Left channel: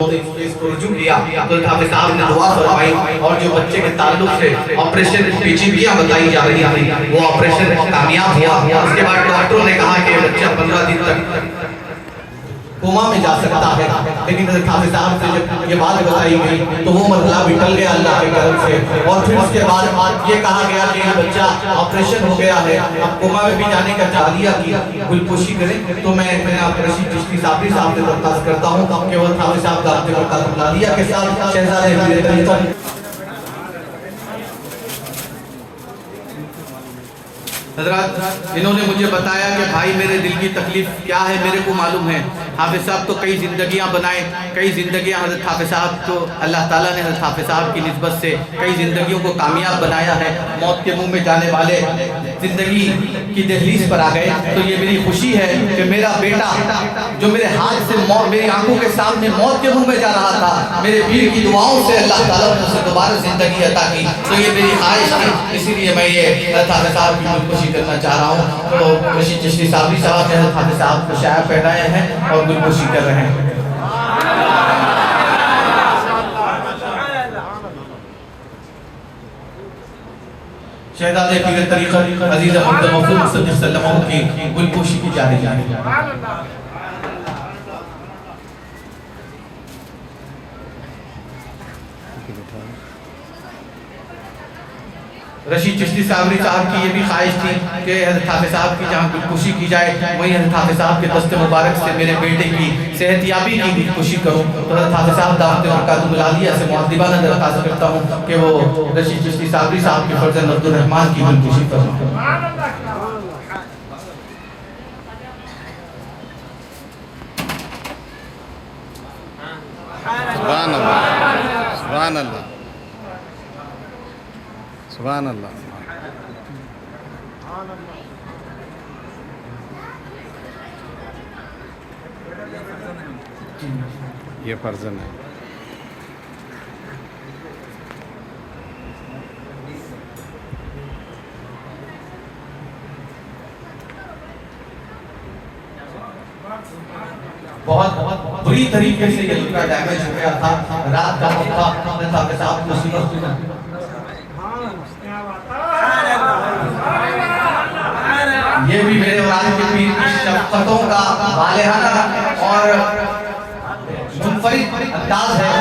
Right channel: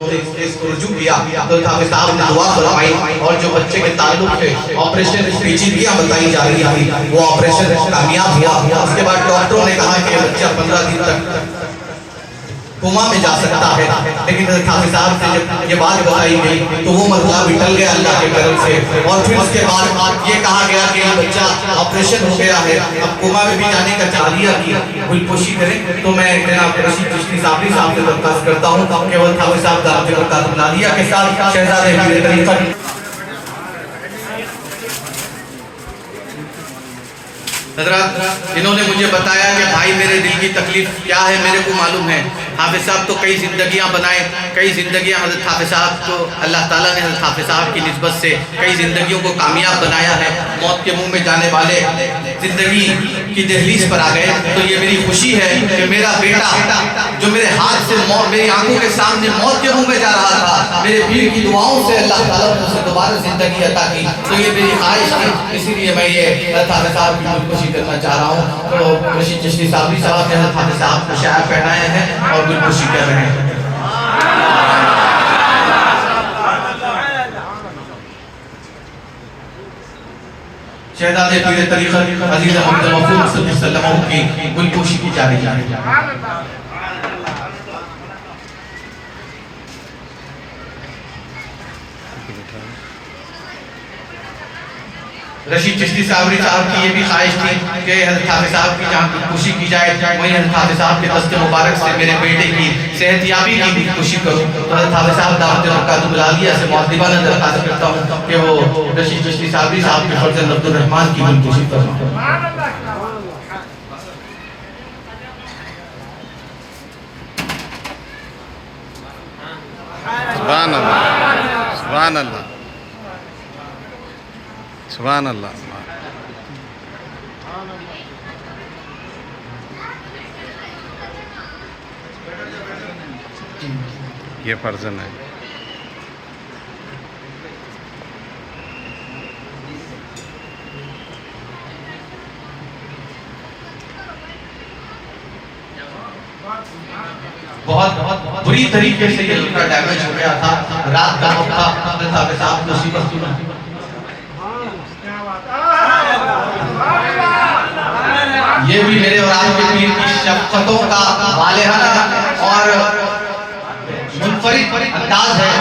رجوع کیا تو حافظ صاحب نے دعا فرمائی اور جو بچے کے تعلق سے آپریشن پیچیدگیاں بتائی جا رہی تھی وہ آپریشن کامیاب ہوا۔ اس کے بعد ڈاکٹروں نے کہا کہ بچہ 15 دن تک کوما میں جا سکتا ہے، لیکن حافظ صاحب سے جب یہ بات بتائی گئی تو وہ مسئلہ بھی ٹل گیا اللہ کے کرم سے۔ اور پھر اس کے بعد یہ کہا گیا کہ یہ بچہ آپریشن ہو گیا ہے، اب کوما میں بھی جانے کا چالیہ کی گلپوشی کریں۔ تو میں جناب رشید چشتی صاحب سے درخواست کرتا ہوں کہ وہ حافظ صاحب دعوت برکات عالیہ کے ساتھ شہزادہ پیر طریقت حضرات انہوں نے مجھے بتایا کہ بھائی میرے دل کی تکلیف کیا ہے میرے کو معلوم ہے۔ حافظ صاحب تو کئی زندگیاں بنائے، کئی زندگیاں حضرت حافظ صاحب کو اللہ تعالیٰ نے حضرت حافظ صاحب کی نسبت سے کئی زندگیوں کو کامیاب بنایا ہے۔ موت کے منہ میں جانے والے زندگی کی دہلیز پر آ گئے، تو یہ میری خوشی ہے کہ میرا بیٹا جو میرے ہاتھ سے میری آنکھوں کے سامنے موت کے منہ میں جا رہا تھا، میرے پیر کی دعاؤں سے اللہ تعالیٰ نے اسے دوبارہ زندگی عطا کی۔ تو یہ میری خواہش تھی، اسی لیے میں یہ حضرت حافظ صاحب کی خوشی کرنا چاہ رہا ہوں۔ تو رشید چشتی صاحب حضرت حافظ صاحب کو شاعر پہنائے ہیں اور گلپوشی کر رہے ہیں۔ شہزادہ پیر طریقت عزیز محمد مفروض صلی اللہ علیہ وسلم کی گلپوشی کی جا رہی ہے۔ رشید چشتی صاحب کی یہ بھی خواہش تھی کہ حضرت حافظ صاحب کی جہاں گلپوشی کی جائے وہیں حضرت حافظ صاحب کے دست مبارک سے میرے بیٹے کی صحت یابی کی گلپوشی کروں۔ حضرت حافظ صاحب دعوت برکات عالیہ سے معذبانہ درخواست کرتا ہوں کہ وہ رشید چشتی صاحب کے فرزند عبد الرحمن کی گلپوشی کروں۔ سبحان اللہ، سبحان اللہ، سبحان اللہ۔ یہ فرزند ہے۔ بہت بری طریقے سے یہ لڑکا ڈیمیج ہو گیا تھا، رات کا وقت تھا، حضرت حافظ صاحب کو سیدھا یہ بھی میرے اور آپ کے پیر کی شفقتوں کا بالغانہ اور منفرد انداز ہے۔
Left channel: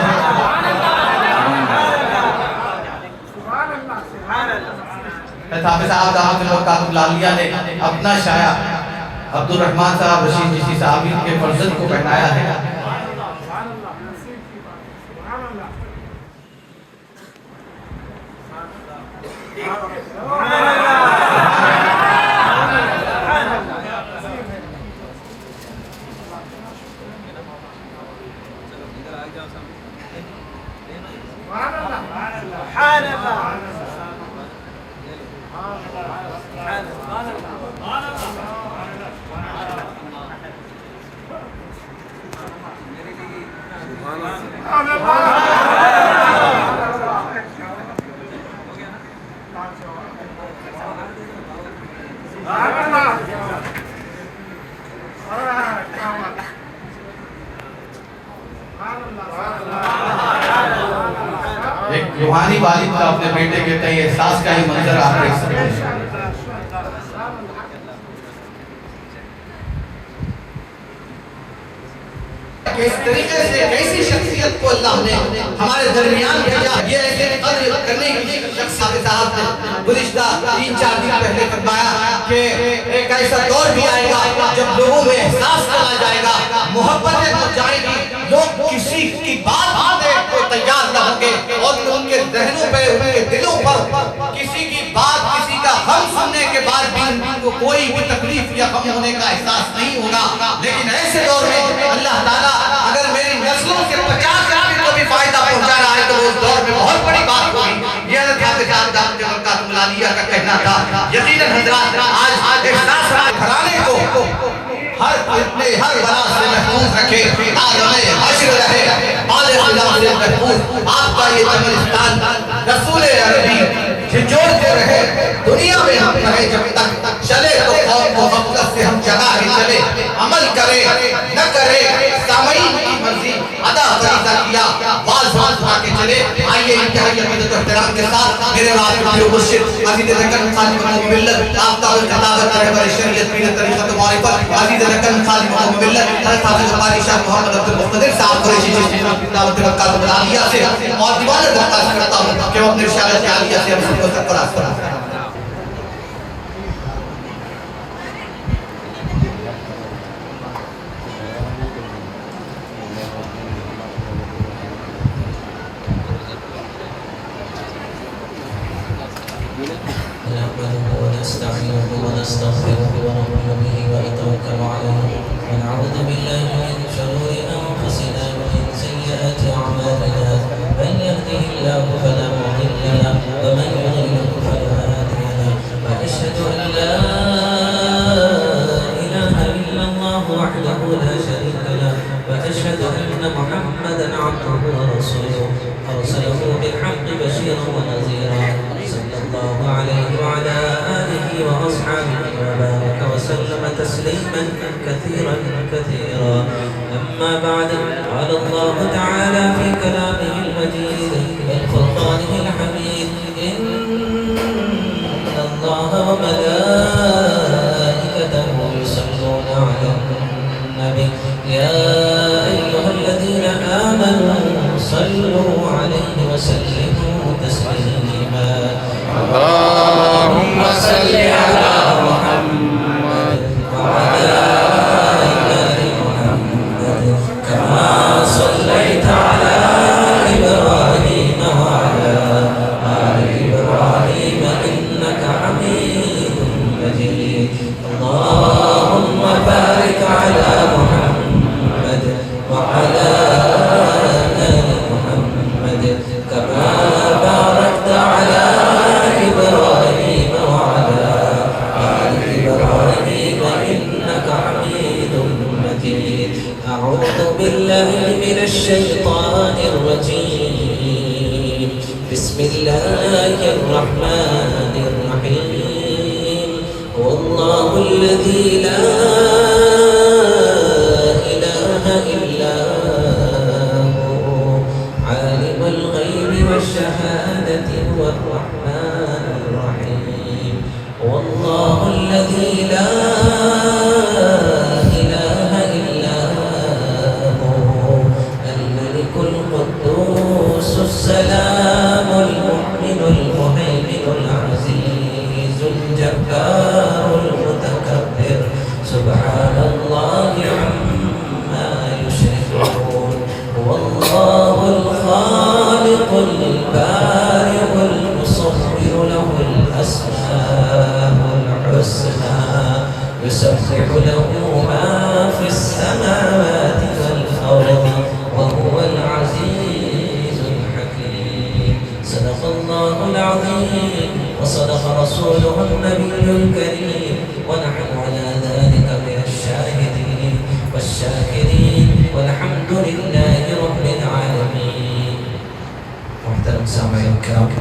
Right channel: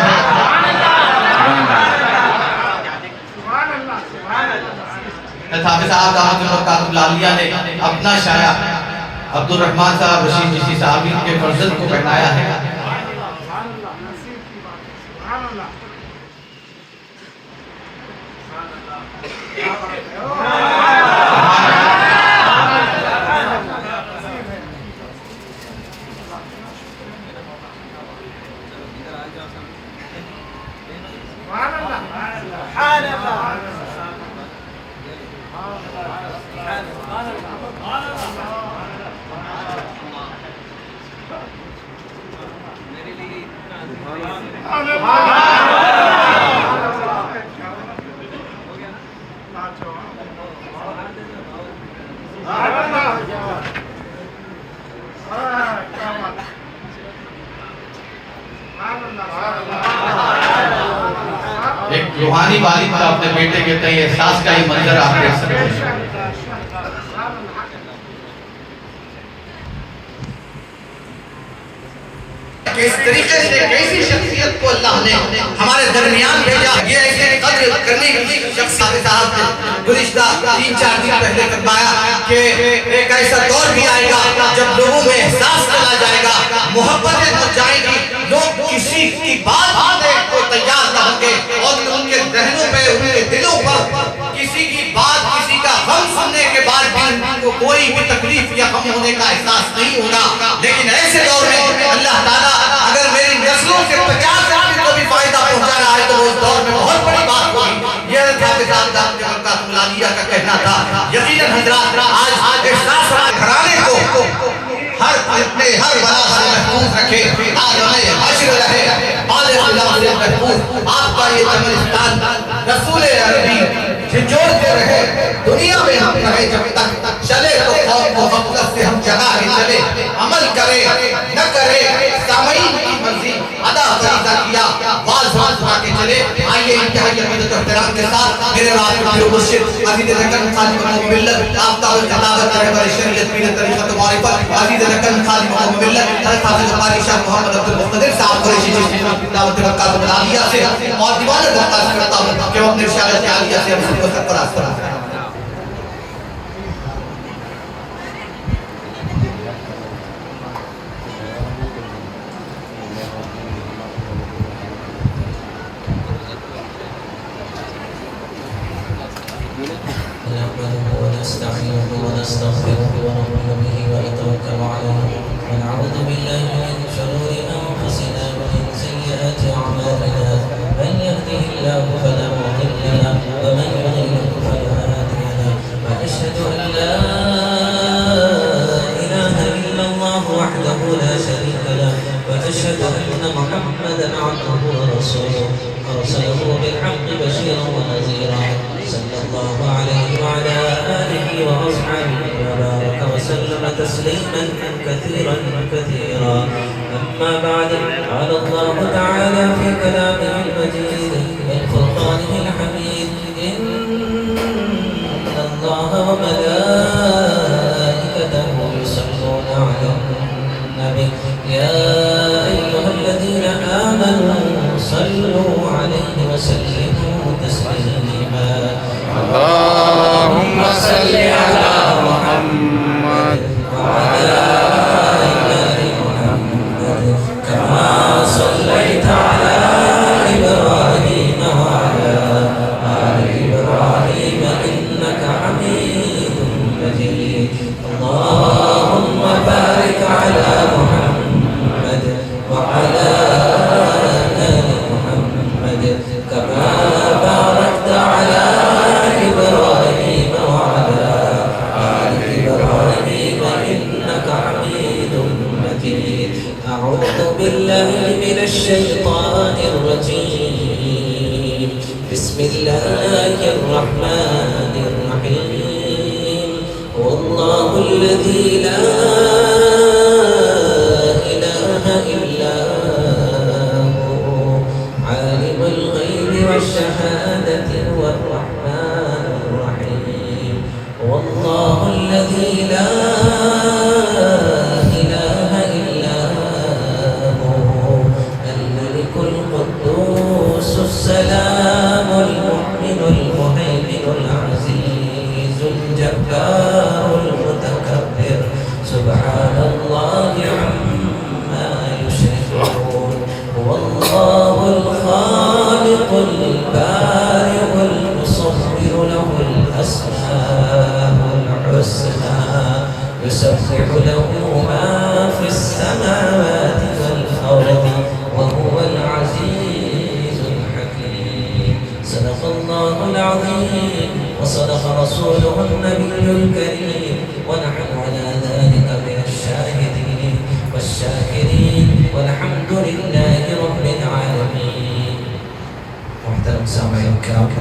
حافظ صاحب دعوت برکات عالیہ نے اپنا شاعر عبد الرحمن صاحب رشید چشتی صاحب کے فرزند کو پہنایا ہے۔ ایک روحانی والد کا اپنے بیٹے کے تئیں احساس کا ہی منظر آپ دیکھ سکتے ہیں۔ اس طریقے سے کیسی شخصیت کو اللہ نے ہمارے درمیان بھیجا، یہ ایسے قدر کرنے کی شخص حافظ صاحب نے گزشتہ 3-4 دن پہلے فرمایا کہ ایک ایسا دور بھی آئے گا جب لوگوں میں احساس چلا جائے گا، محبتیں بڑھ جائیں گی، لوگ کسی کی بات سننے کو تیار نہ ہوں گے اور ان کے ذہنوں پہ ان کے دلوں پر کسی کی بات کسی کا غم سننے کے بعد بھی ان کو کوئی بھی تکلیف یا غم ہونے کا احساس نہیں ہوگا۔ لیکن ایسے دور میں اللہ تعالیٰ اگر میری نسلوں سے 50 آدمی کو بھی فائدہ پہنچا رہا ہے تو اس دور میں بہت بڑی بات ہوگی۔ یہ حضرت حافظ صاحب دعوت برکات عالیہ کا کہنا تھا۔ یقیناً حضرات آج احساس گھرانے کو ہر فتنے ہر بلا سے محفوظ رکھے، عالم حشر رہے، بالغ اللہ سے محفوظ آپ کا یہ قبرستان رسول عربی جھنجھوڑتے رہے، دنیا میں ہم رہے جب تک چلے تو قوم و غفلت سے ہم جگہ ہی چلے، عمل کرے نہ کرے سامعین کی مرضی ادا فرض ملاحظہ کیا بعض بات کے چلے آئیے انتہائی عقیدت و احترام کے ساتھ میرے واسطے مرشد عزیز رکن خادم ملت آفتاب الخطابت رہبر شریعت پیر طریقت معرفت عزیز رکن خادم ملت حضرت حافظ قاری شاہ محمد عبد المقتدر صاحب کو رشید دعوت رکعت العالیہ سے اور دیوانہ درخواست کرتا ہوں کہ وہ اپنے رسالت عالیہ سے ہم سب کو سرفراز کریں. ونعوذ بالله من شرور أنفسنا ومن سيئات أعمالنا من يهده الله فلا مضل له ومن يضلل فلا هادي له وأشهد أن لا إله إلا الله وحده لا شريك له وأشهد أن محمدا عبده ورسوله أرسله بالحق بشيرا ونذيرا صلى الله عليه وعلى آله وأصحابه وبارك وسلم تسليما كثيرا كثيرا. أما بعد قال الله تعالى في كلامه المجيد والفرقانه الحميد إن الله وملائكته يصلون على النبي يا أيها الذين آمنوا صلوا عليه وسلموا تسليما. اللهم صل على محمد وعلى آل محمد كما صليت على إبراهيم وعلى آل إبراهيم إنك حميد مجيد. اللهم بارك على محمد وعلى آل محمد كما باركت على إبراهيم وعلى آل إبراهيم إنك حميد مجيد. أعوذ بالله من الشيطان الرجيم. بسم الله الرحمن الرحيم. والله الذي لا إله إلا هو عالم الغيب والشهادة هو الرحمن الرحيم. والله الذي لا إله إلا هو الملك القدوس السلام المؤمن المهيمن العزيز الجبار المتكبر سبحان الله عما يشركون. والله الخالق البارئ المصور له الأسماء الحسنى يسبح له ما في السماوات والأرض وهو العزيز الحكيم. صدق الله العظيم وصدق رسوله النبي الكريم ونحن على ذلك من الشاهدين والشاكرين والحمد لله رب العالمين. محترم سامعین کرام،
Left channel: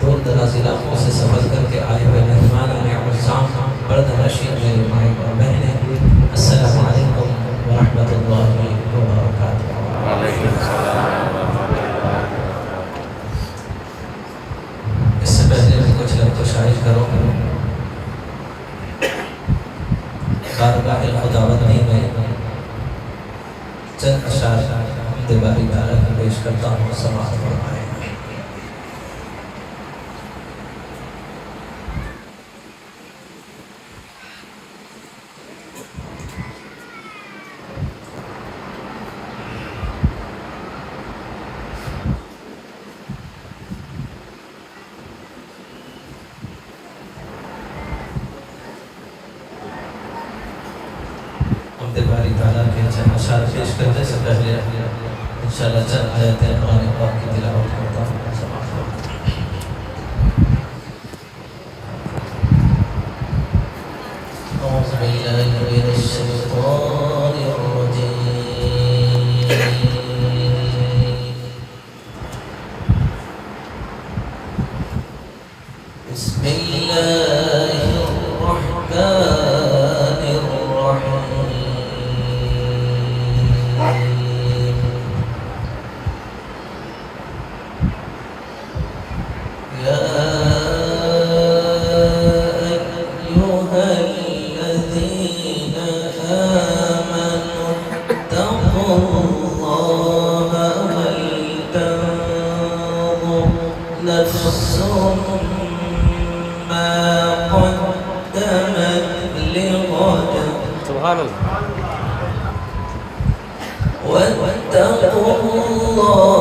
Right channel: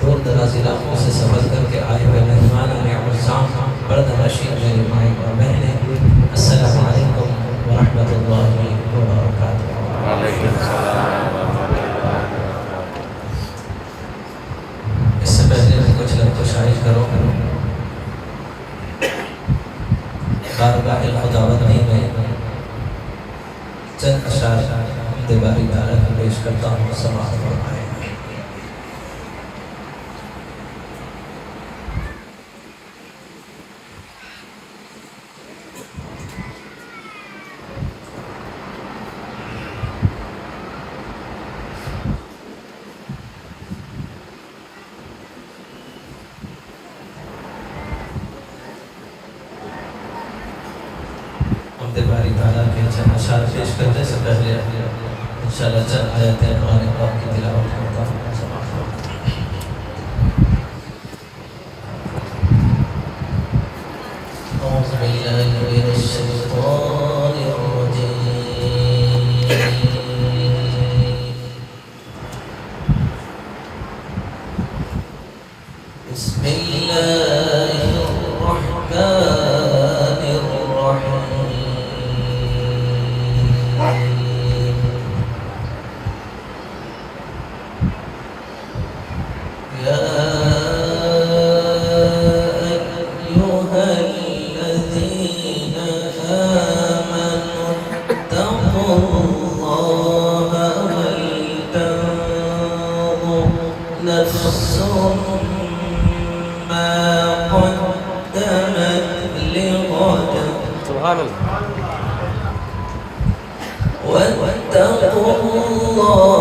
دور دراز علاقوں سے سفر کر کے آئے ہوئے مہمان اعظام پردنشین میرے بھائی اور بہنیں، السلام علیکم ورحمۃ اللہ وبرکاتہ. وعلیکم السلام ورحمۃ اللہ وبرکاتہ. اس سے پہلے میں کچھ لفظ شائع کروں بارگاہ خداوندی میں چند اشعار دیواری تعالیٰ کی پیش کرتا ہوں. سماعت فرمائیں. باری تعالیٰ کے چند اشعار پیش کرنے سے پہلے انشاءاللہ چند آیتیں قرآن پاک کی تلاوت کرتا ہوں. أعوذ بالله من الشيطان الرجيم. بسم الله الرحمن الرحيم. Hallelujah.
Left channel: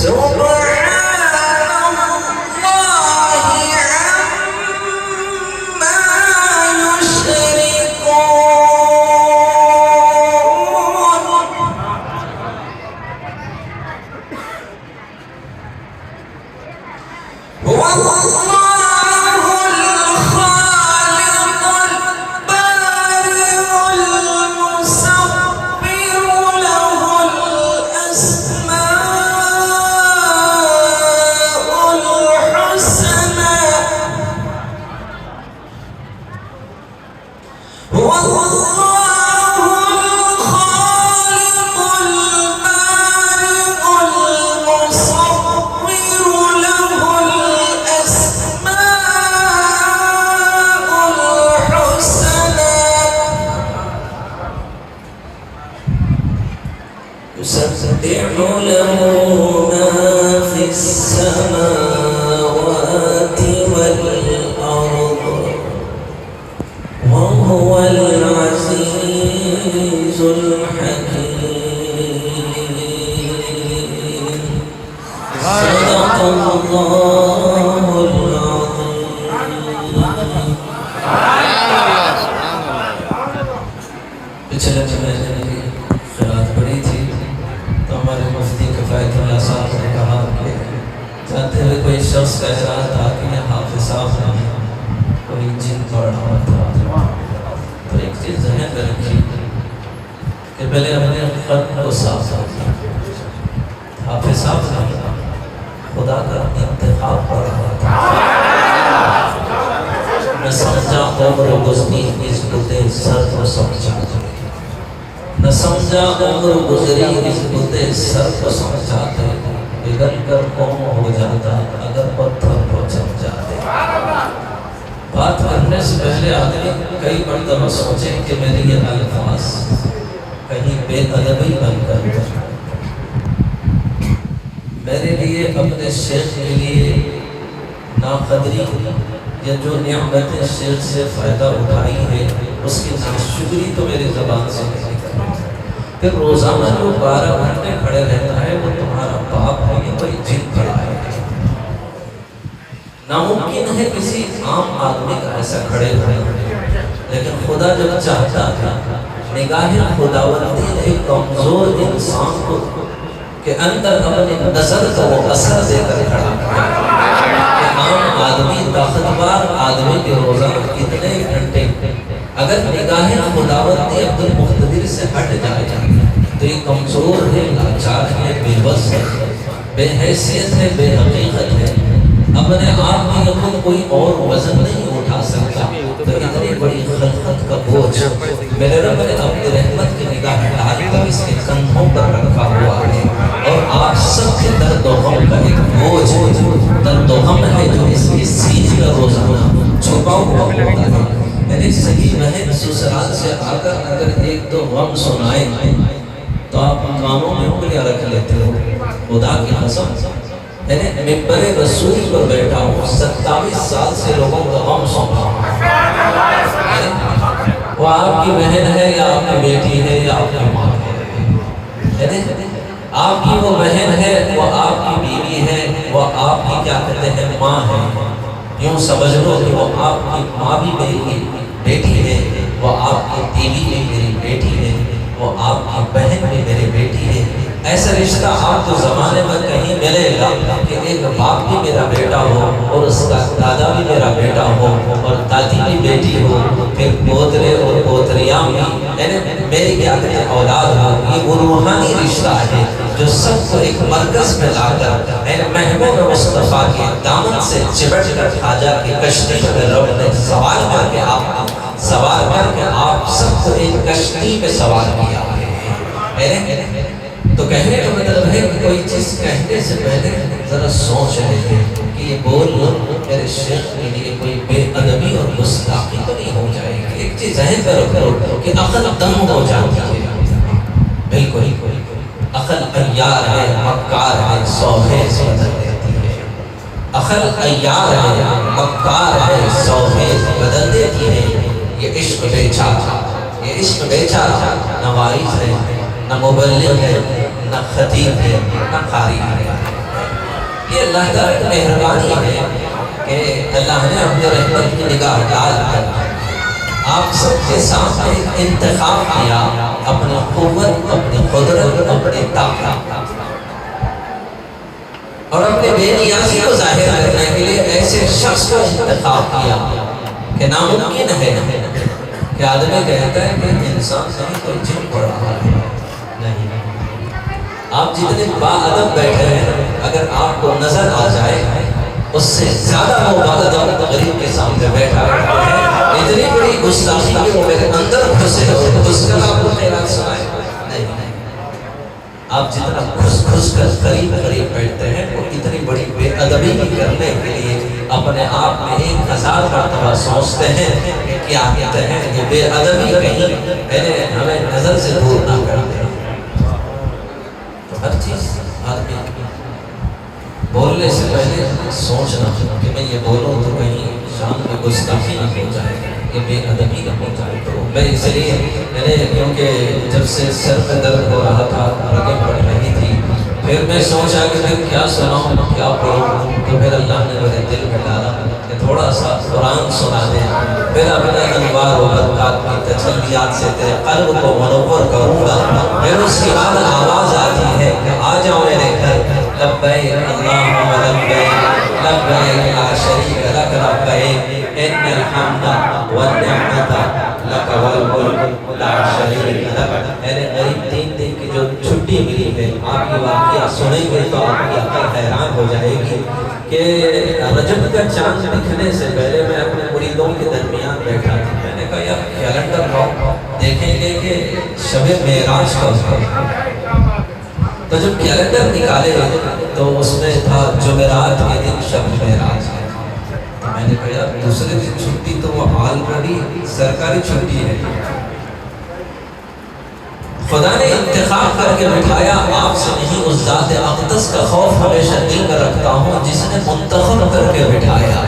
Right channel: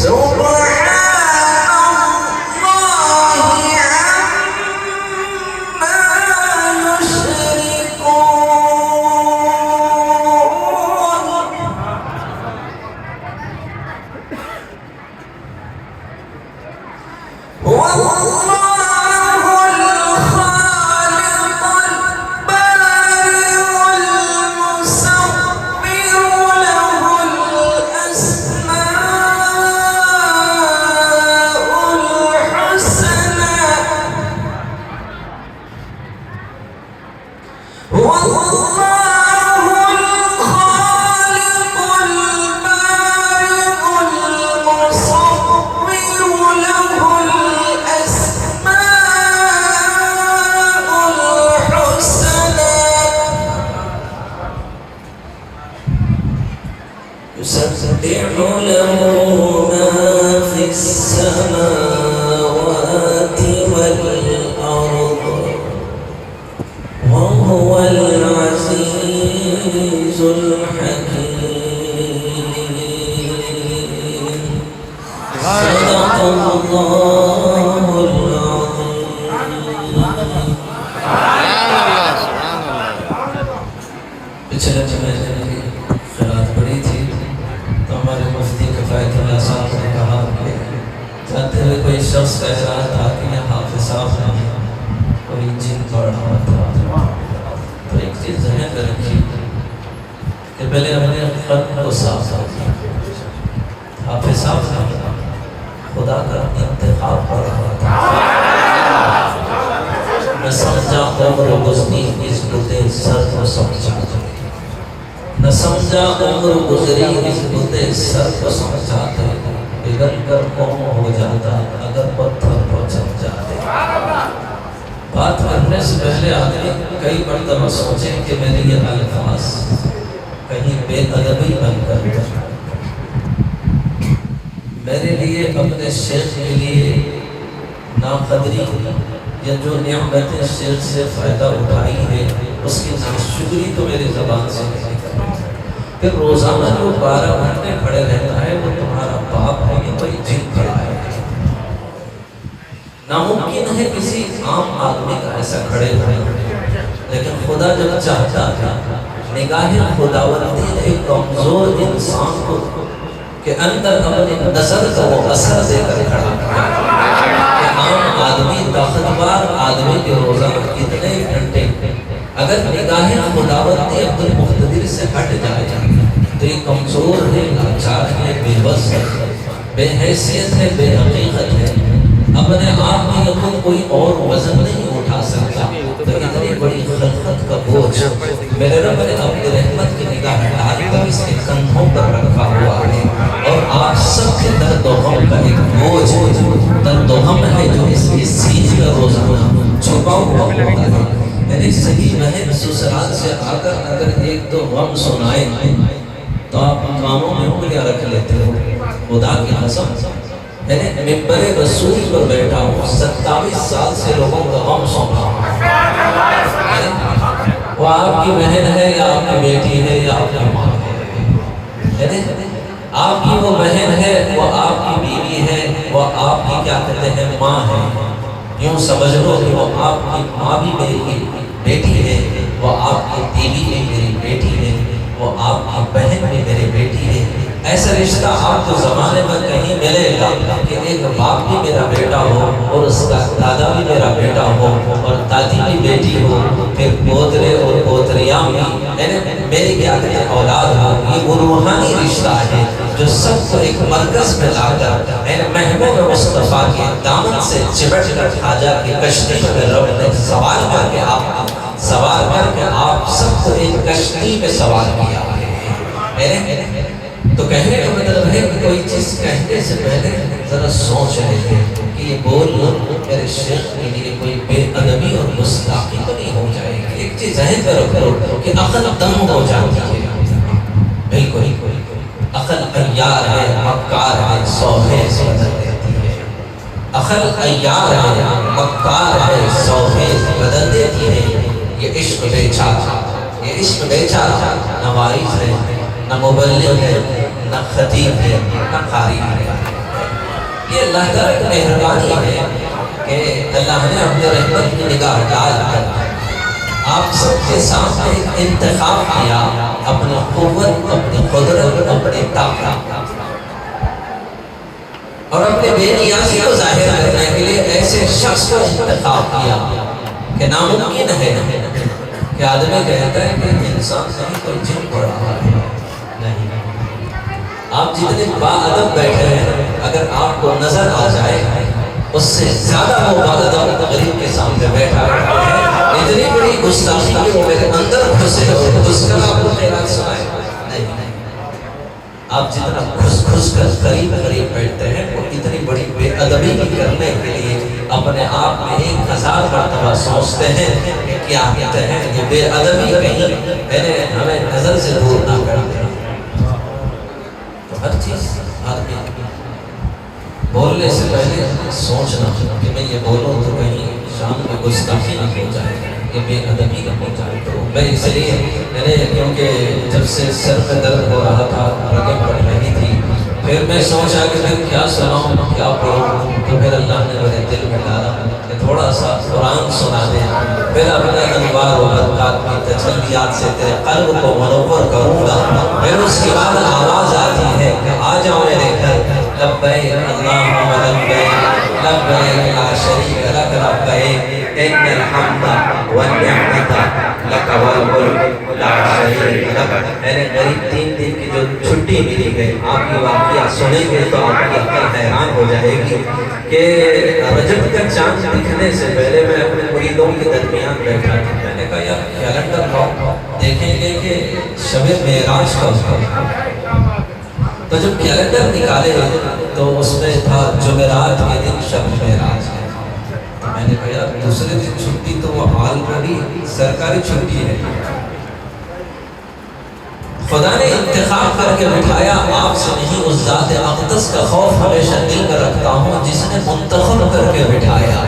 يسبح له ما في السماوات والأرض وهو العزيز الحكيم. صدق الله العظيم. پچھلے مہینے کی خیرات پڑی تھی تو ہمارے مفتی کفایت اللہ صاحب نے کہا جاتے ہوئے کوئی شخص کہہ رہا تھا کہ حافظ صاحب نے کوئی جن پڑھا تھا. تو ایک چیز ذہن میں رکھی کہ پہلے ہم نے خط کو صاف کیا. حافظ صاحب نے خدا کا انتخاب پڑھا تھا. میں سمجھا عمر گزری اس بلے سر کو سمجھا. نہ سمجھا عمر گزری اس بلے سر کو سمجھاتے. بگڑ کر قوم ہو جاتا اگر پتھر کو سمجھاتے. بات کرنے سے پہلے آدمی کئی مرتبہ سوچیں کہ میری یہ الفاظ کہیں بے ادبی بن کر میرے لیے اپنے شیخ کے لیے ناقدری یا جو نعمتیں شیخ سے فائدہ اٹھائی ہے اس کی ناشکری تو میرے زبان سے نہیں کرتا. پھر روزانہ جو 12 گھنٹے کھڑے رہنا ہے وہ تمہارا باپ ہے یا کوئی جن کھڑا ہے. ناممکن ہے کسی عام آدمی کا ایسا کھڑے ہونے، لیکن خدا جب چاہتا تھا نگاہ خداوندی نے ایک کمزور انسان کو کے اندر اپنی نظر کو اثر دے کر کھڑا کیا. عام آدمی طاقتور آدمی کے روزانہ کتنے گھنٹے اگر نگاہ خداوندی اپنے مقتدر سے ہٹ جائے تو یہ کمزور ہے، لاچار ہے، بے بس ہے، بے حیثیت ہے، بے حقیقت ہے، اپنے آپ میں خود کوئی اور وزن نہیں اٹھا سکتا. تو اتنی بڑی خلقت کا بوجھ میرے رب نے اپنی رحمت کی نگاہ ڈال کر اس کے کندھوں پر رکھا ہوا ہے. اور آپ سب کے درد و غم کا ایک بوجھ درد و غم ہے جو اس کی سینہ کا روزانہ چھپا ہوا ہوتا ہے. یعنی صحیح رہے سسرال سے آ کر اگر ایک دو غم سنائے تو آپ کاموں میں انگلیاں رکھ لیتے ہو. خدا کی قسم میں نے ممبر رسول پر بیٹھا ہوں، 27 سال سے لوگوں کو غم سنا. وہ آپ کی بہن ہے یا آپ کی بیٹی ہے یا آپ کی ماں ہے. آپ کی وہ بہن ہے، وہ آپ کی بیوی ہے، وہ آپ کی کیا کہتے ہیں ماں ہے. یوں سمجھ لو کہ وہ آپ کی ماں بھی میری بیٹی ہے، وہ آپ کی بیوی بھی میری بیٹی ہے، وہ آپ کی بہن بھی میری بیٹی ہے. ایسا رشتہ آپ کو زمانے میں کہیں ملے گا کہ ایک باپ بھی میرا بیٹا ہو اور اس کا دادا بھی میرا بیٹا ہو اور دادی بھی بیٹی ہو، پھر پوترے اور پوتریاں بھی میری کیا کہتے ہیں اولاد ہو. یہ وہ روحانی رشتہ ہے جو سب کو ایک مرکز میں لا کر محبوب مصطفیٰ کے دامن سے چپٹ کر آجا کے کشتی میں رب نے سوار کر کے آپ سب کو ایک کشتی میں سوار کیا. تو کہنے کا مطلب ہے کہ کوئی چیز کہنے سے پہلے ذرا سوچ رہے ہیں کہ یہ بول میرے شیخ کے لیے کوئی بے ادبی اور گستاخی تو نہیں ہو جائے گی. ایک چیز ظاہر کرو کہ عقل دم ہو جاتی ہے. بالکل عقل عیار ہے، مکار ہے، سوہے بدل دیتی ہے. عقل عیار ہے، مکار ہے، سوہے بدل دیتی ہے. یہ عشق بیچارہ نہ وارث ہے، نہ مبلغ ہے، نہ خطیب ہے، نہ قاری ہے۔ یہ اللہ تعالیٰ کی مہربانی ہے کہ اللہ نے اپنے رحمت کی نگاہ ڈال کر آپ سب کے سامنے انتخاب کیا، اپنی قوت، اپنی قدرت، اپنی طاقت اور اپنے بے نیازی کو ظاہر کرنے کے لیے ایسے شخص کو انتخاب کیا کہ ناممکن ہے کہ آدمی کہتا ہے کہ انسان کہیں کوئی جن پڑ رہا ہے، نہیں۔ آپ جتنے باادب بیٹھے ہیں، اگر آپ کو نظر آ جائے اس سے زیادہ وہ باادب غریب کے سامنے بیٹھا ہے، اتنی بڑی گستاخی کہ وہ میرے اندر گھسے اور اس کے بعد وہ میرا سوائے نہیں۔ آپ جتنا گھس کر قریب بیٹھتے ہیں وہ اتنی بڑی بے ادبی کرنے کے لیے اپنے آپ میں 1000 مرتبہ سوچتے ہیں، کیا کہتے ہیں کہ بے ادبی کہیں ہمیں نظر سے دور نہ کر دے۔ ہر چیز بولنے سے پہلے سوچنا کہ میں یہ بولوں تو کہیں شام میں گستاخی نہ ہو جائے، کہ بے ادبی نہ ہو جائے۔ تو میں اس لیے میں نے کیونکہ جب سے سر پہ درد ہو رہا تھا، رگیں بڑھ رہی تھی، پھر میں سوچا کہ میں کیا سناؤں، کیا پڑھوں، تو پھر اللہ نے میرے دل میں ڈالا کہ تھوڑا سا قرآن سنا دے، پھر اپنے انوار و برکات کی تجلیات سے تیرے قلب کو منور کروں گا۔ پھر اس کے بعد آواز آتی ہے کہ آ جاؤ میرے گھر، لبیک اللہم لبیک لبیک لا شریک لک لبیک ان الحمد والنعمت لک والملک لا شریک لک۔ میرے قریب 3 دن کی جو چھٹی ملی گئی، آپ یہ واقعہ سنیں گے تو آپ کی عقل حیران ہو جائے گی کہ رجب کا چاند دکھنے سے پہلے میں اپنے مریدوں کے درمیان بیٹھا تھا۔ میں نے کہا یار کیلنڈر دیکھیں گے کہ شب معراج کب ہے، تو جب کیلنڈر نکالے تو اس میں تھا جمعرات کے دن شب معراج ہے۔ تو میں نے کہا دوسرے دن چھٹی تو وہ آلریڈی سرکاری چھٹی ہے۔ خدا نے انتخاب کر کے بٹھایا، آپ سے نہیں، اس ذات اقدس کا خوف ہمیشہ دل میں رکھتا ہوں جس نے منتخب کر کے بٹھایا۔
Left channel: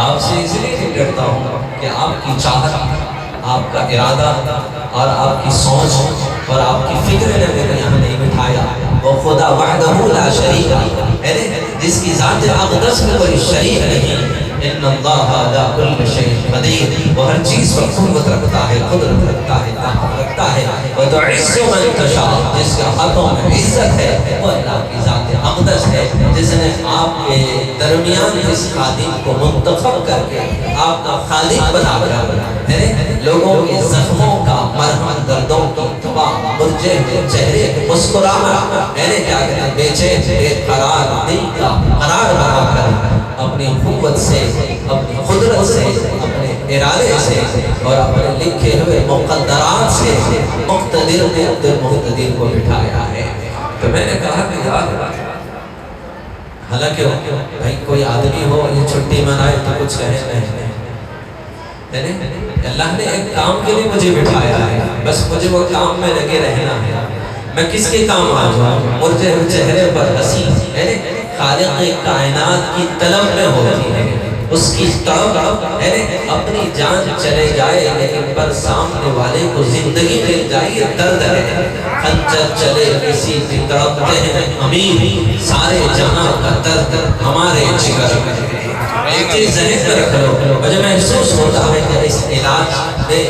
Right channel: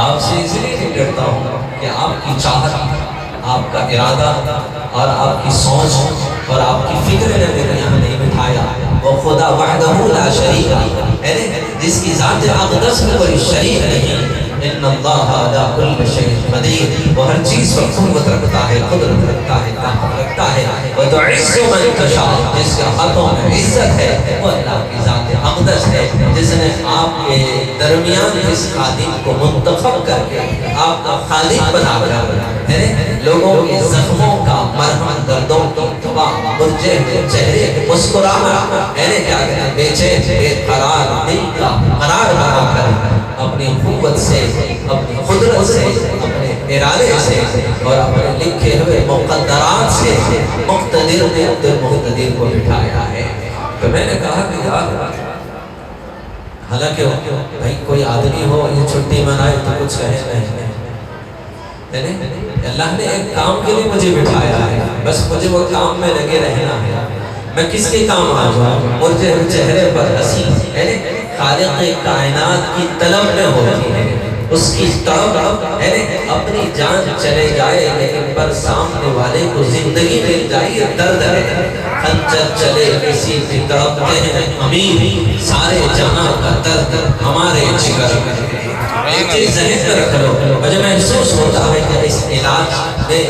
آپ سے اس لیے نہیں ڈرتا ہوں کہ آپ کی چاہت، آپ کا ارادہ اور آپ کی سوچ اور آپ کی فکر نے میرے یہاں نہیں بٹھایا۔ وہ خدا وحدہ لا شریک ہے، جس کی ذات اقدس میں کوئی شریک نہیں۔ ان اللہ علی کل شیء قدیر، وہ ہر چیز پر قوت رکھتا ہے، قدرت رکھتا ہے، طاقت رکھتا ہے۔ وتعز من تشاء، جس کے ہاتھوں میں عزت ہے وہ اللہ کی ذات اقدس ہے، جس نے آپ کے درمیان اس خادم کو منتخب کر کے آپ کا خالق بنا کر لوگوں کے زخموں کا مرہم، دردوں کی دوا، مرجے ہوئے چہرے، مسکرانا، میں نے کیا کہا، بے چین بے قرار دل کا قرار بنا کر اپنی قوت سے، اپنی قدرت سے، اپنے ارادے سے اور اپنے لکھے ہوئے مقدرات سے مقتدر نے اپنے مقتدر کو بٹھایا ہے۔ تو میں نے کہا کہ یار حالانکہ بھائی کوئی آدمی ہو یہ چھٹی منائے تو کچھ کہے نہیں، اللہ نے ایک کام کے لیے مجھے بٹھایا ہے، بس مجھے وہ کام میں لگے رہنا ہے۔ میں کس کے کام آ جاؤں، مرتے ہوئے چہرے پر ہنسی خالق کائنات کی طلب میں ہوتی ہے، اس کی طلب اپنی جان چلے جائے لیکن پر سامنے والے کو زندگی مل جائے، درد ہے خنجر چلے کسی کی تڑپتے ہیں امیر، سارے جہاں کا درد ہمارے جگر میں۔ ایک چیز ذہن میں رکھ لو، مجھے محسوس ہوتا ہے کہ اس علاج میں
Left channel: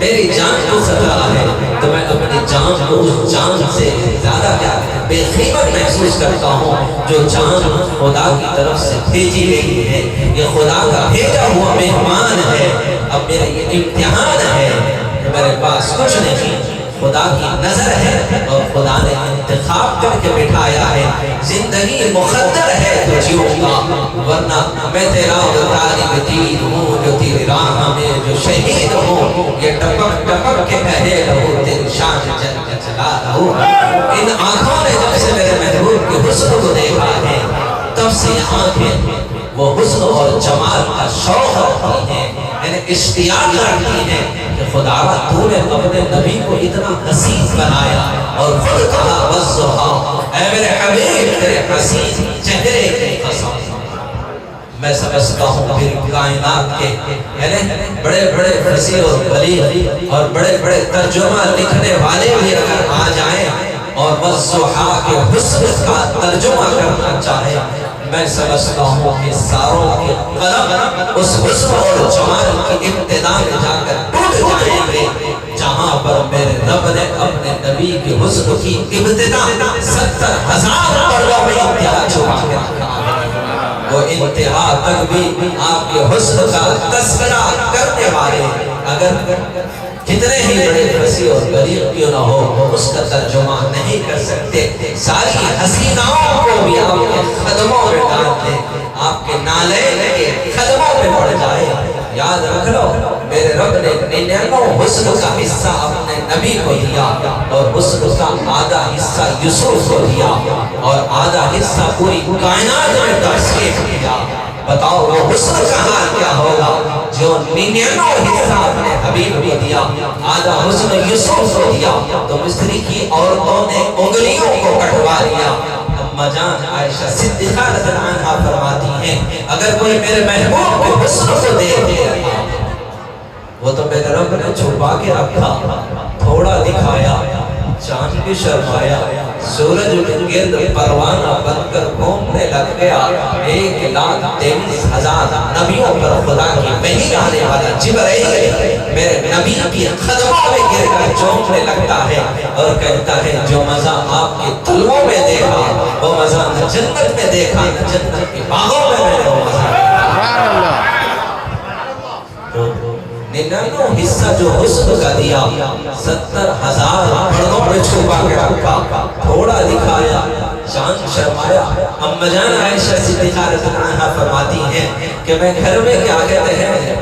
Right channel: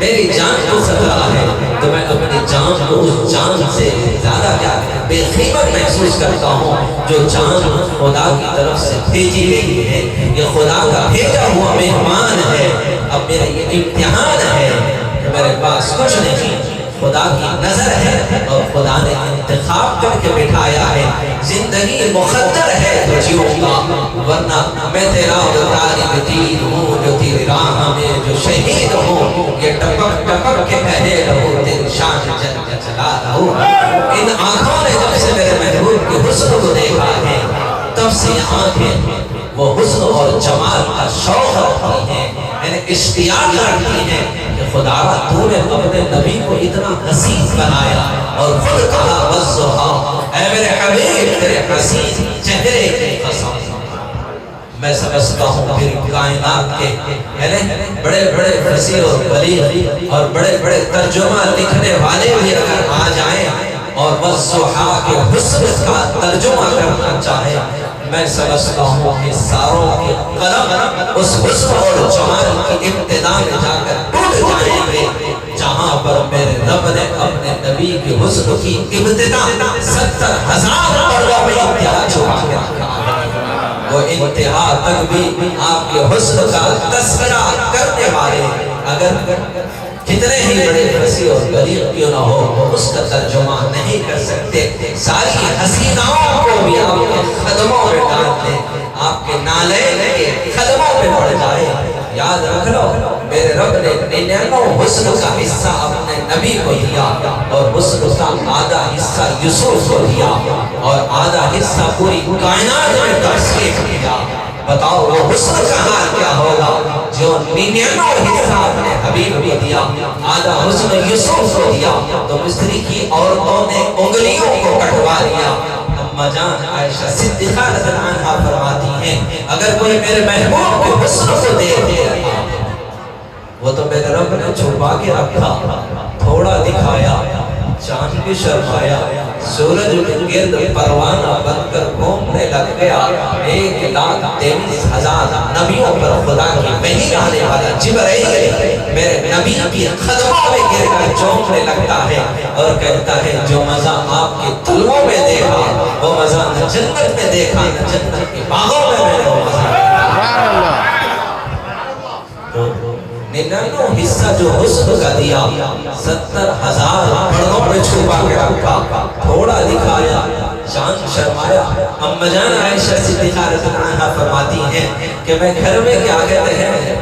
میری جان کو خطرہ ہے تو میں اپنی جان کو اس جان سے زیادہ کیا بے قیمت محسوس کرتا ہوں جو جان خدا کی طرف سے بھیجی گئی ہے، یہ خدا کا بھیجا ہوا مہمان ہے۔ اب میرا یہ امتحان ہے کہ میرے پاس کچھ نہیں، خدا کی نظر ہے اور خدا نے انتخاب کر کے بٹھایا ہے۔ زندگی مقدر ہے تو جیوں گا، ورنہ میں تیرا غالب تیر ہوں جو تیری راہ میں جو شہید ہوں، یہ ٹپک ٹپک کے کہے رہو تیری شان جل کے چلا رہو۔ ان آنکھوں نے جب سے میرے محبوب کے حسن کو دیکھا ہے تب سے آنکھیں وہ حسن اور جمال کا شوق رکھتی ہیں، یعنی اشتیاق رکھتی ہیں کہ خدا تو نے اپنے نبی کو اتنا حسین بنایا اور خود کہا وَالضُّحَىٰ، اے میرے حبیب تیرے حسین چہرے کی قسم۔ میں سمجھتا ہوں پھر کائنات کے بڑے بڑے فصیح اور بلیغ اور بڑے بڑے ترجمہ لکھنے والے بھی اگر آ جائیں اور والضحا کے حسن کا ترجمہ کرنا چاہے، میں سمجھتا ہوں کہ ساروں کے قلم اس حسن اور جمال کی ابتدا میں جا کر ٹوٹ جائیں گے جہاں پر میرے رب نے اپنے نبی کے حسن کی ابتدا 70,000 پردوں میں انتہا چھپا کر وہ انتہا تک بھی آپ کے حسن کا تذکرہ کرنے والے اگر کتنے ہی بڑے فصیح اور بلیغ کیوں نہ ہو اس کا ترجمہ نہیں کر سکتے، ساری حسیناؤں کو بھی آپ کے قدموں میں ڈال دیں، آپ کے نالین کے قدموں میں پڑ جائے۔ یاد رکھ لو میرے رب نے 99 حسن کا حصہ اپنے نبی کو دیا اور حسن کا آدھا حصہ یوسف کو دیا اور آدھا حصہ پوری کائنات میں تقسیم کیا۔ بتاؤ وہ حسن کا حال کیا ہوگا جو 99 حصہ اپنے حبیب کو دیا، آدھا حسن یوسف کو دیا تو مصری کی عورتوں نے انگلیوں کو کٹوا لیا۔ اما جان عائشہ صدیقہ رضی اللہ عنہا فرماتی ہیں اگر کوئی میرے محبوب کے حسن کو دیکھتے رہا وہ تو میرے رب نے چھپا کے رکھا، تھوڑا دکھایا، چاند بھی شرمایا، سورج کے گرد پروانہ بن کر گھومنے لگ گیا۔ 1,23,000 نبیوں پر خدا کی وحی آنے والا جبرائیل میرے نبی کی قدموں میں گر کر چومنے لگتا ہے اور کہتا ہے جو مزہ آپ کے طلوع میں دیکھا وہ مزہ نہ جنت میں دیکھا، جنت کے باغوں میں میں نے وہ مزہ سبحان اللہ۔ تو 99 حصہ جو حسن کا دیا 70,000 پردوں میں چھپا کے رکھا، تھوڑا دکھایا، چاند شرمایا۔ اما جان عائشہ صدیقہ رضی اللہ عنہا فرماتی ہیں کہ میں گھر میں کیا کہتے ہیں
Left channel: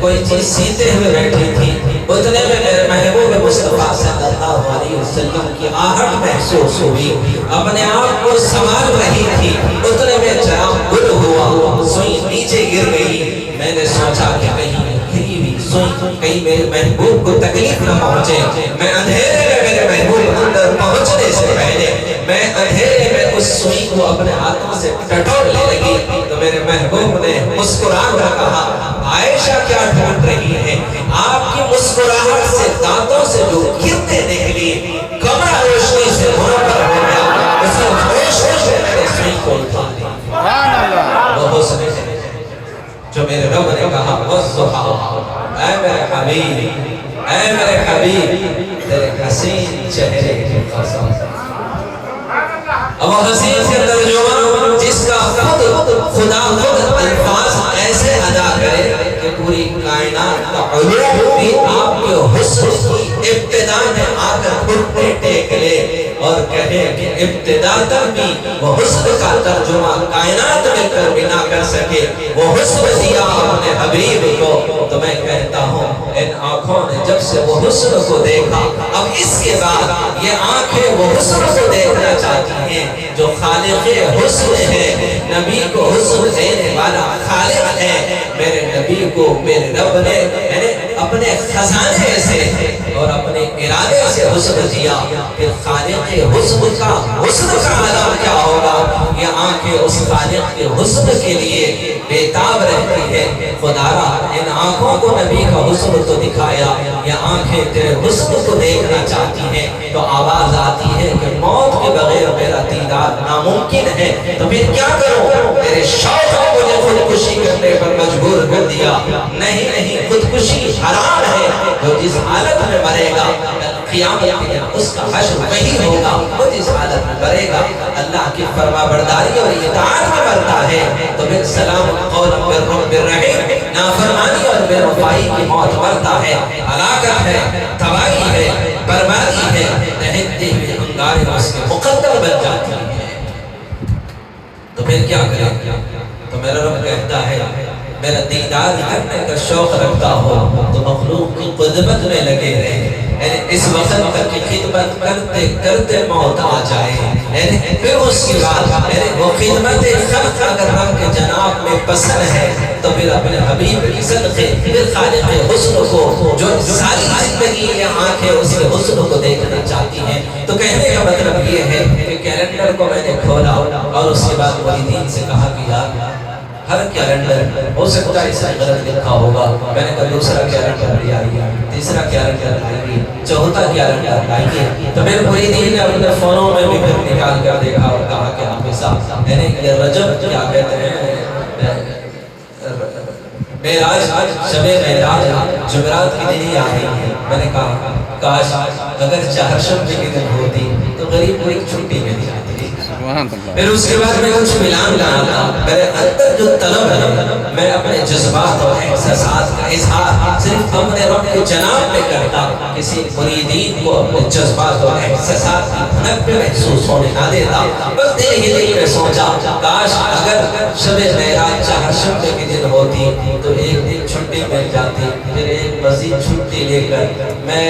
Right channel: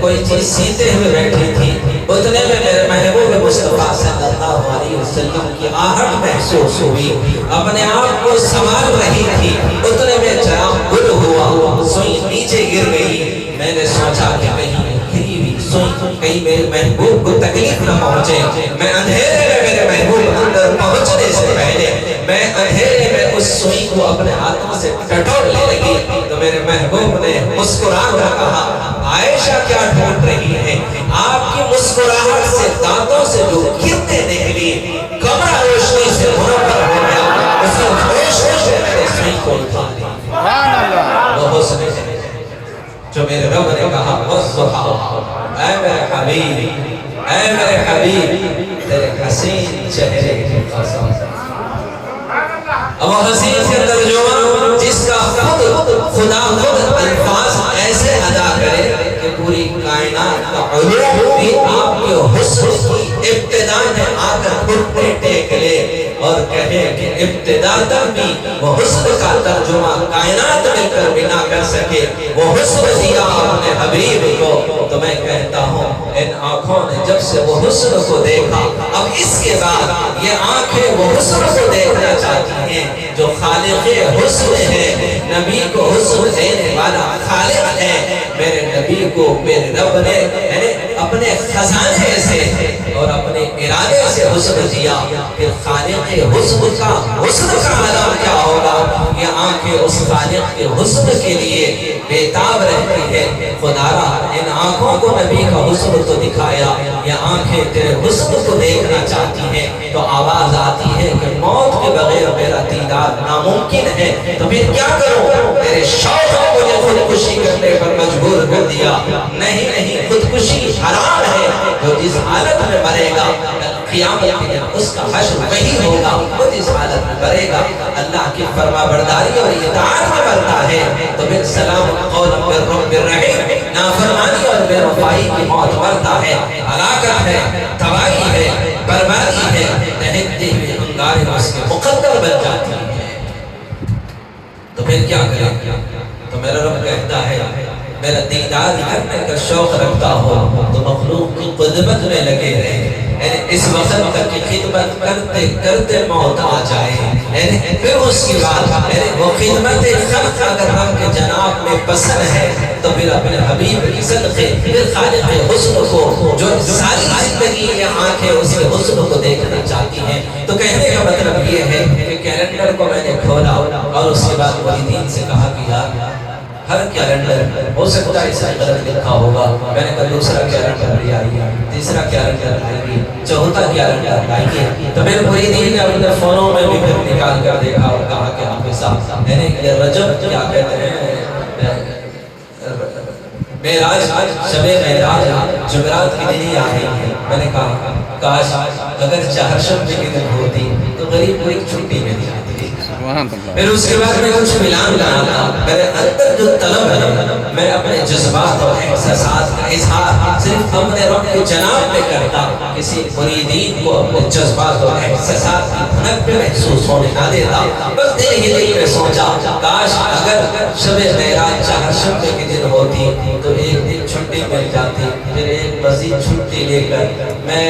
کوئی چیز سیتے ہوئے بیٹھی تھی، اتنے میں میرے محبوب مصطفیٰ صلی اللہ علیہ وسلم کی آہٹ محسوس ہوئی، اپنے آپ کو سنبھال رہی تھی، اتنے میں چراغ گل ہوا، سوئی نیچے گر گئی۔ میں نے سوچا کہ کہیں گری ہوئی سوئی کہیں میرے محبوب کو تکلیف نہ پہنچے، میں اندھیرے میں میرے محبوب اندر پہنچنے سے پہلے میں اندھیرے میں اس سوئی کو اپنے ہاتھوں سے ٹٹولنے لگی تو میرے محبوب نے مسکرا کر کہا عائشہ کیا ڈھونڈ رہی ہے؟ آپ کی مسکراہٹ سے دانتوں سے جو کرنیں نکلی کمرہ روشنی سے بھر کر ہو گیا، اسی خوش سے میں نے سوئی کو اٹھا لیا۔ سبحان اللہ۔ وہ حسن جو میرے رب نے کہا والضحا، اے میرے حبیب، اے میرے حبیب تیرے حسین چہرے کی قسم۔ اب حسین سے ترجمہ جس کا خدا خود الفاظ ایسے ادا کرے کہ پوری کائنات کا علوم بھی آپ کے حسن کی ابتدا میں آ کر خود پہ ٹیک لے اور کہے کہ ابتدا تک بھی وہ حسن کا ترجمہ کائنات میں کر بنا کر سکے، وہ حسن دیا اپنے حبیب کو۔ تو میں کہتا ہوں ان آنکھوں نے جب سے وہ حسن کو دیکھا اب اس کے بعد یہ آنکھیں وہ حسن کو دیکھنا چاہتی ہیں جو خالق حسن ہے، نبی کو حسن دینے والا خالق ہے۔ میرے نبی کو میرے رب نے اپنے خزانے سے اور اپنے ارادے سے حسن دیا، پھر خالق حسن کا عالم کیا ہوگا؟ یہ آنکھیں اس خالق کے حسن کے لیے بےتاب رہتی ہے۔ خدا ان آنکھوں کو نبی کا حسن تو دکھایا، یہ آنکھیں تیرے حسن کو دیکھنا چاہتی ہیں تو آواز آتی ہے کہ موت کے بغیر میرا دیدار ناممکن ہے، تو میں کیا کروں؟ میرے شوق نے مجھے خودکشی کرنے پر مجبور کر دیا۔ نہیں، خودکشی حرام ہے، جو جس حالت میں مرے گا قیامت کے دن اس کا حشر وہی ہوگا، وہ جس حالت میں مرے گا اللہ کی فرما برداری اور اطاعت میں مرتا ہے تو پھر سلام قول بالرحیم، نافرمانی اور بے وفائی کی موت مرتا ہے، ہلاکت ہے، تباہی ہے، بربادی ہے، دہکتے ہوئے انگاریں اس کے مقدر بن جاتی ہے۔ تو پھر کیا کریں؟ تو میرا رب کہتا ہے میرا دیدار کرنے کا شوق رکھتا ہو تو مخلوق کی خدمت میں لگے رہے، یعنی اس وقت تک کی خدمت کرتے کرتے موت آ جائے، یعنی پھر اس کے بعد وہ خدمت خلق اگر ہم کے جناب میں پسند ہے تو پھر اپنے حبیب کی صدقے پھر خالق حسن کو جو ساری زندگی یہ آنکھیں اس کے حسن کو دیکھنا چاہتی ہیں۔ تو کہنے کا مطلب یہ ہے کہ کیلنڈر کو میں نے کھولا اور اس کے بعد مریدین سے کہا کہ یار ہر کیلنڈر ہو سکتا ہے اس میں غلط لکھا ہوگا. میں نے کہا دوسرا کیلنڈر لے آئیے, تیسرا کیلنڈر لائیے, چوتھا کیلنڈر لائیے. تو میرے مریدین نے اپنے فونوں میں بھی پھر نکال کر دیکھا اور کہا کہ آپ کے ساتھ یعنی یہ رجب کیا کہتے ہیں معراج, شب معراج جمعرات کی دن ہی آ رہی ہے. میں نے کہا کاش اگر چہارشنبے کی دن ہوتی تو غریب کو ایک چھٹی ملی. پھر اس کے بعد میں کچھ ملان لگا تھا. میرے اندر جو طلب ہے میں اپنے جذبات اور احساسات کا اظہار صرف اپنے رب کے جناب میں کرتا, کسی مریدین کو اپنے جذبات اور احساسات کی دھڑک پہ محسوس ہونے نہ دیتا. بس دل ہی میں سوچا کاش اگر شب معراج چہارشنبے کے دن ہوتی تو ایک دن چھٹی مل جاتی, پھر ایک مزید چھٹی لے کر میں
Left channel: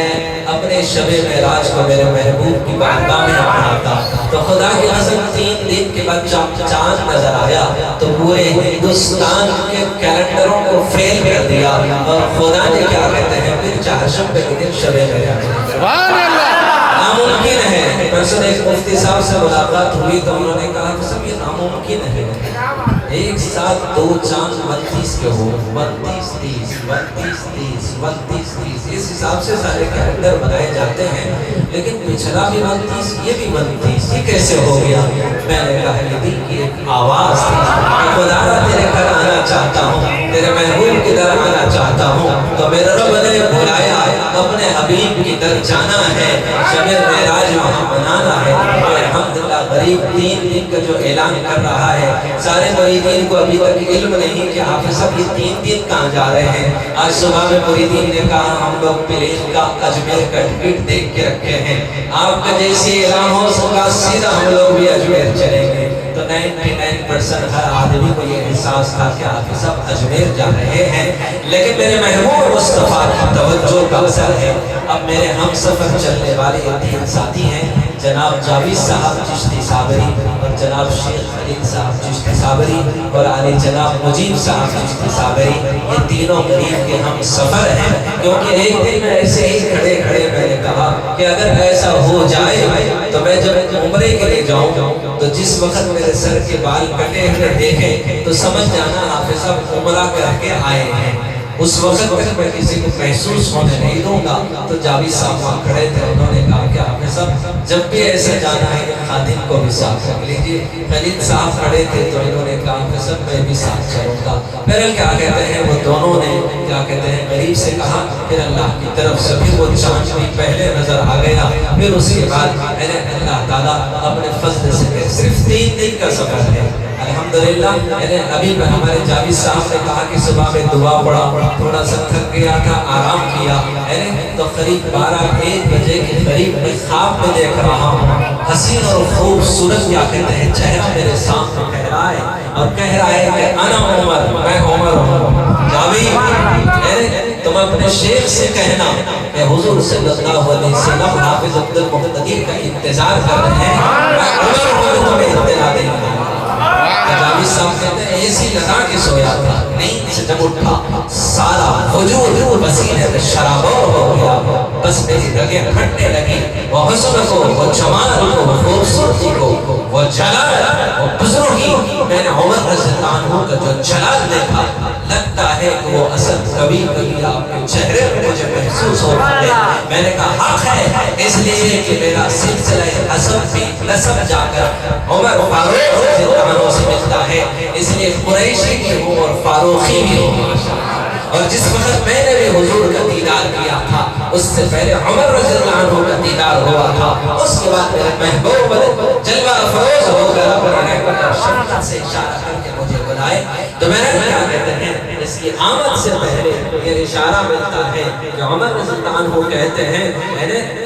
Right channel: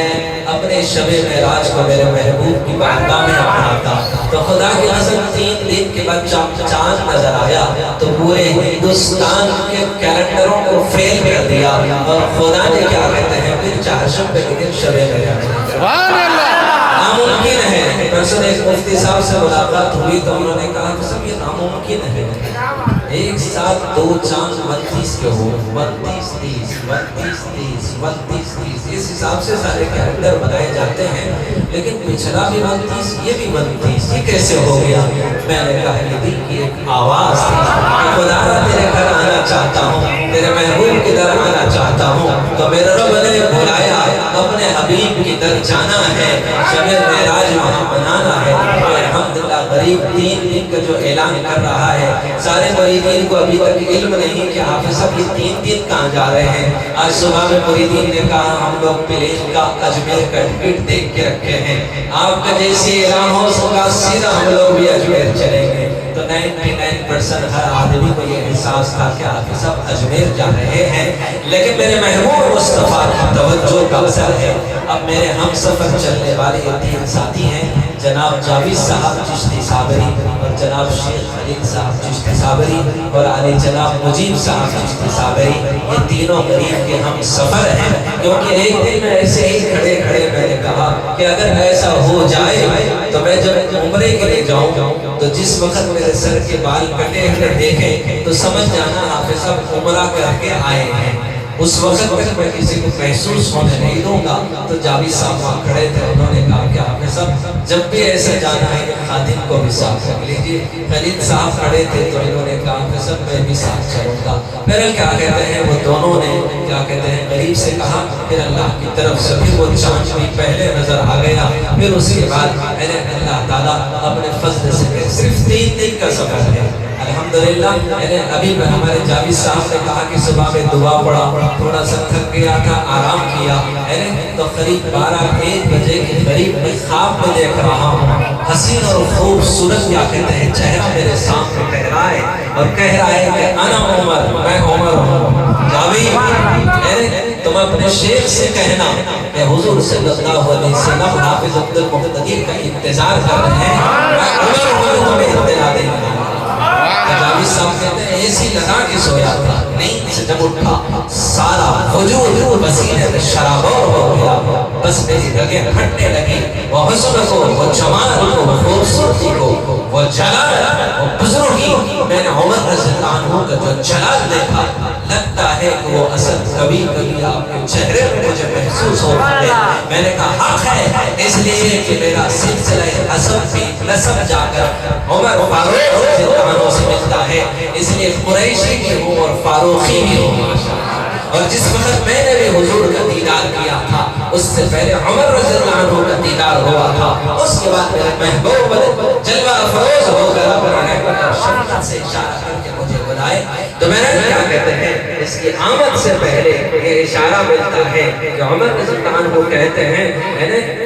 اپنے شب معراج کو میرے محبوب کی بارگاہ میں پڑھاتا. تو خدا کی قسم 3 دن کے بعد چاند نظر آیا تو پورے ہندوستان کے کیلنڈروں کو فیل کر دیا اور خدا نے کیا کہتے ہیں پھر چہارشنبے کے دن شب معراج. سبحان اللہ. ناممکن ہے. پرسوں ایک مفتی صاحب سے ملاقات ہوئی تو انہوں نے کہا کہ سب یہ ناممکن ہے ایک ساتھ 2 چاند 32 کے ہو, 32 30 32 30 32 30 اس حساب سے سارے کیلنڈر بنائے جاتے ہیں. لیکن پچھلا بھی 32 یہ بھی 32 یہ کیسے ہو گیا؟ میں نے کہا یہ دل کی ایک آواز تھی کہ خدا تیرے گھر آنا چاہتا ہوں, تیرے محبوب کی در آنا چاہتا ہوں. تو میرے رب نے بلایا اپنے حبیب کی در جانا ہے, شب معراج وہاں بنانا ہے. الحمدللہ غریب 3 دن کا جو اعلان کر رہا ہے سارے مریدین کو ابھی تک علم نہیں کہ حافظ صاحب یہ 3 دن کہاں جا رہے ہیں. آج صبح میں مریدین نے کہا ہم لوگ پلین کا اجمیر کا ٹکٹ دیکھ کے رکھے ہیں, آپ کا جیسے اعلان ہو سکا سیدھا ہم لوگ بھی اجمیر چلیں گے. تو 99% ہر آدمی کو یہ احساس تھا کہ حافظ صاحب اجمیر جا رہے ہیں. لیکن میرے محبوب مصطفیٰ کی توجہ مقصد ہے. اب میرے ہم سفر چلنے والے یہ 3 ساتھی ہیں, جناب جاوید صاحب چشتی صابری اور جناب شیخ خلیل صاحب چشتی صابری اور علی جناب مجیب صاحب چشتی صابری. یہ تینوں غریب کے ہم سفر ہیں. کیونکہ ایک دن میں ایسے ہی کھڑے میں نے کہا کہ اگر ایسا ہو جائے تو میں جب عمرے کے لیے جاؤں تو جس وقت میرے سر کے بال کٹے ہوئے دیکھیں تو سمجھ جانا آپ سب عمرہ کر کے آئے ہیں. اس وقت میں کسی کو محسوس ہونے نہیں دوں گا. تو جاوید صاحب وہاں کھڑے تھے, انہوں نے کہا کہ آپ صاحب جب بھی ایسا جانا ہے خادم کو بھی ساتھ رکھ لیجیے. خلیل صاحب کھڑے تھے تو انہوں نے کہا کہ سر میں بھی ساتھ چلوں گا. پھر کیا کہتے ہیں وہ دونوں نے کیا کہتے ہیں قریب سے کہا, پھر اللہ کی طرف سے بھی وہ چاند بھی پہلے نظر آ گیا. پھر اس کے بعد میں نے اللہ تعالیٰ اپنے فضل سے صرف 3 دن کا سفر ہے الحمدللہ. ابھی میں ہمارے جاوید صاحب نے کہا کہ صبح میں دعا پڑھا, تھوڑا سا تھک گیا تھا, آرام کیا. تو قریب 12-1 بجے کے قریب میں خواب میں دیکھ رہا ہوں حسین اور خوبصورت کیا کہتے ہیں چہرہ میرے سامنے ٹھہرا ہے اور کہہ رہا ہے کہ انا عمر, میں عمر ہوں. جاوید تم اپنے شیخ سے کہنا کہ حضور صلی اللہ علیہ وسلم حافظ عبد المقتدی کا انتظار کر رہے ہیں, میں عمر ہوں, تمہیں انتظار نہیں کروں. جاوید صاحب کہتے ہیں ایسی لگا کے سویا تھا, نیند سے جب اٹھا سارا وجود وسیلہ شرابور ہو گیا. بس میری رگیں پھٹنے لگی. وہ حسن کو, وہ جمال کو, وہ خوبصورتی کو, وہ جلال, وہ بزرگی, میں نے عمر رضی اللہ عنہ کا جو جلال دیکھا لگتا ہے کہ وہ اصل کبھی آپ کے چہرے پہ مجھے محسوس ہوتا ہے. میں نے کہا حق ہے, اس لیے کہ میرا سلسلہ اصل کی نسب جا کر عمر فاروق سے ملتا ہے, اس لیے قریشی کی ہوں اور فاروقی بھی ہوں. اور جس وقت میں نے بھی حضور کا دیدار کیا تھا اس سے پہلے عمر رضی اللہ عنہ کا دیدار ہوا تھا. اس کے بعد میرے محبوب جلوہ افروز ہو گیا اور شدت سے اشارہ کر کے مجھے بلائے. تو میں نے کیا کہتے ہیں اس کی آمد سے پہلے یہ اشارہ ملتا ہے کہ عمر رضی اللہ عنہ کہتے ہیں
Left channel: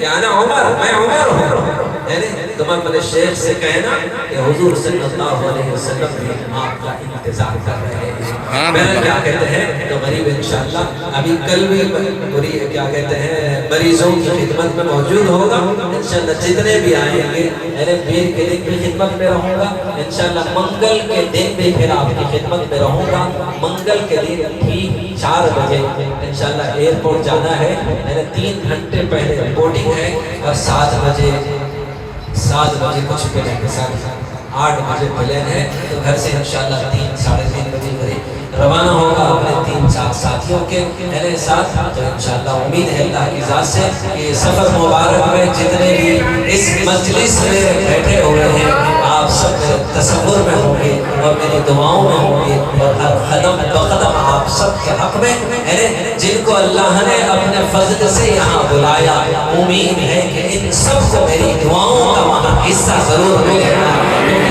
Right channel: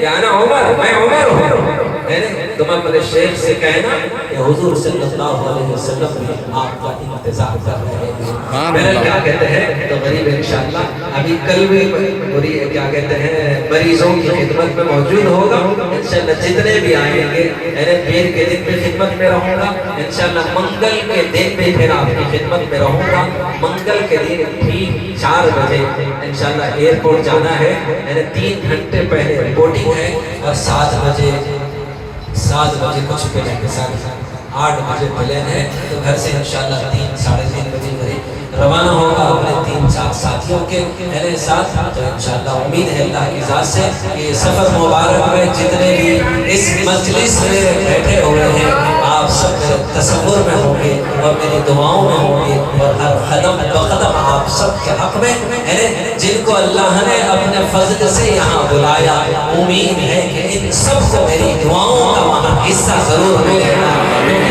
کہ انا عمر, میں عمر ہوں. تم اپنے شیخ سے کہنا کہ حضور صلی اللہ علیہ وسلم نے آپ کا انتظار کر رہے ہیں. میں کیا کہتے ہیں تو غریب انشاءاللہ ابھی کل بھی کیا کہتے ہیں مریضوں کی خدمت میں موجود ہوگا انشاءاللہ. جتنے بھی آئیں گے پیر کے دن بھی خدمت میں رہوں گا انشاءاللہ. منگل کے دن بھی پھر آپ کی خدمت میں رہوں گا. منگل کے دن ٹھیک 4 بجے انشاءاللہ ایئرپورٹ جانا ہے. 3 گھنٹے پہلے رپورٹنگ ہے اور 7 بجے کچھ پلین کے ساتھ 8 بجے پلین ہے. تو گھر سے انشاءاللہ 3-3:30 بجے روانہ ہوگا اپنے 3-4 ساتھیوں کے میرے ساتھ. تو انشاءاللہ امید ہے اللہ کی ذات سے کہ سفر مبارک میں جتنے بھی اس مجلس میں بیٹھے ہوئے ہیں آپ سب تصور میں ہوں گے اور میری دعاؤں میں ہوں گے اور ہر قدم بقدم آپ سب کے حق میں جن کو اللہ نے اپنے فضل سے یہاں بلایا امید ہے کہ ان سب کو میری دعاؤں کا وہاں حصہ ضرور ملے گا.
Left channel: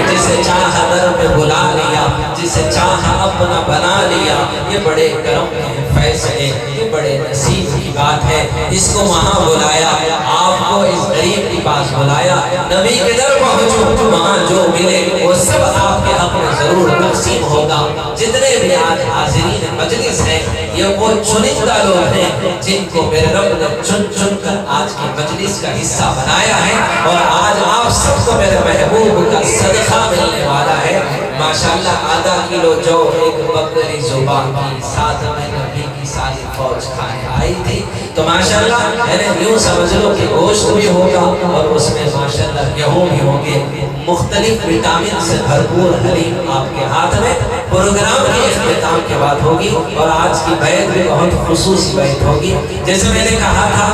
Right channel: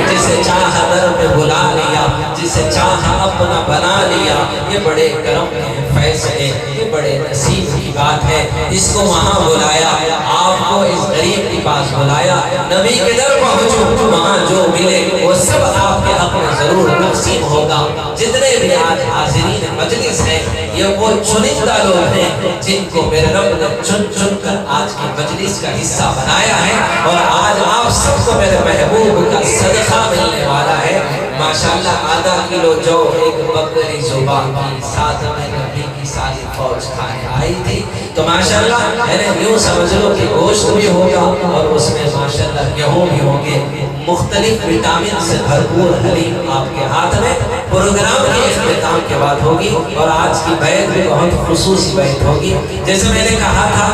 جسے چاہا در میں بلا لیا, جسے چاہا اپنا بنا لیا, یہ بڑے کرم کے فیصلے, یہ بڑے نصیب کی بات ہے. اس کو وہاں بلایا, آپ کو اس غریب کی پاس بلایا, نبی کے در پہنچو, وہاں جو ملے وہ سب آپ کے حق میں ضرور تقسیم ہوگا. جتنے بھی آج حاضرین مجلس ہیں یہ وہ چنندہ لوگ ہیں جن کو میرے رب نے چن چن کر آج کی مجلس کا حصہ بنایا ہے, اور آج آپ سب کو میرے محبوب کا صدقہ ملنے والا ہے. ماشاءاللہ آدھا کلو جو ایک بکری زبان کی ساتھ میں نبی کی ساری فوج کھا کے آئی تھی. تو ماشاءاللہ میں نے یوں سمجھ لو کہ گوشت بھی ہوگا اور اس میں ماشاءاللہ گیہوں بھی ہوں گے, مختلف وٹامن سے بھرپور حلیم آپ کے ہاتھ میں. پروگرام کی اختتام کے بعد ہوگی اور آج کی بیعت بھی بہت خصوصی بیعت ہوگی. جیسے میں نے کہا تھا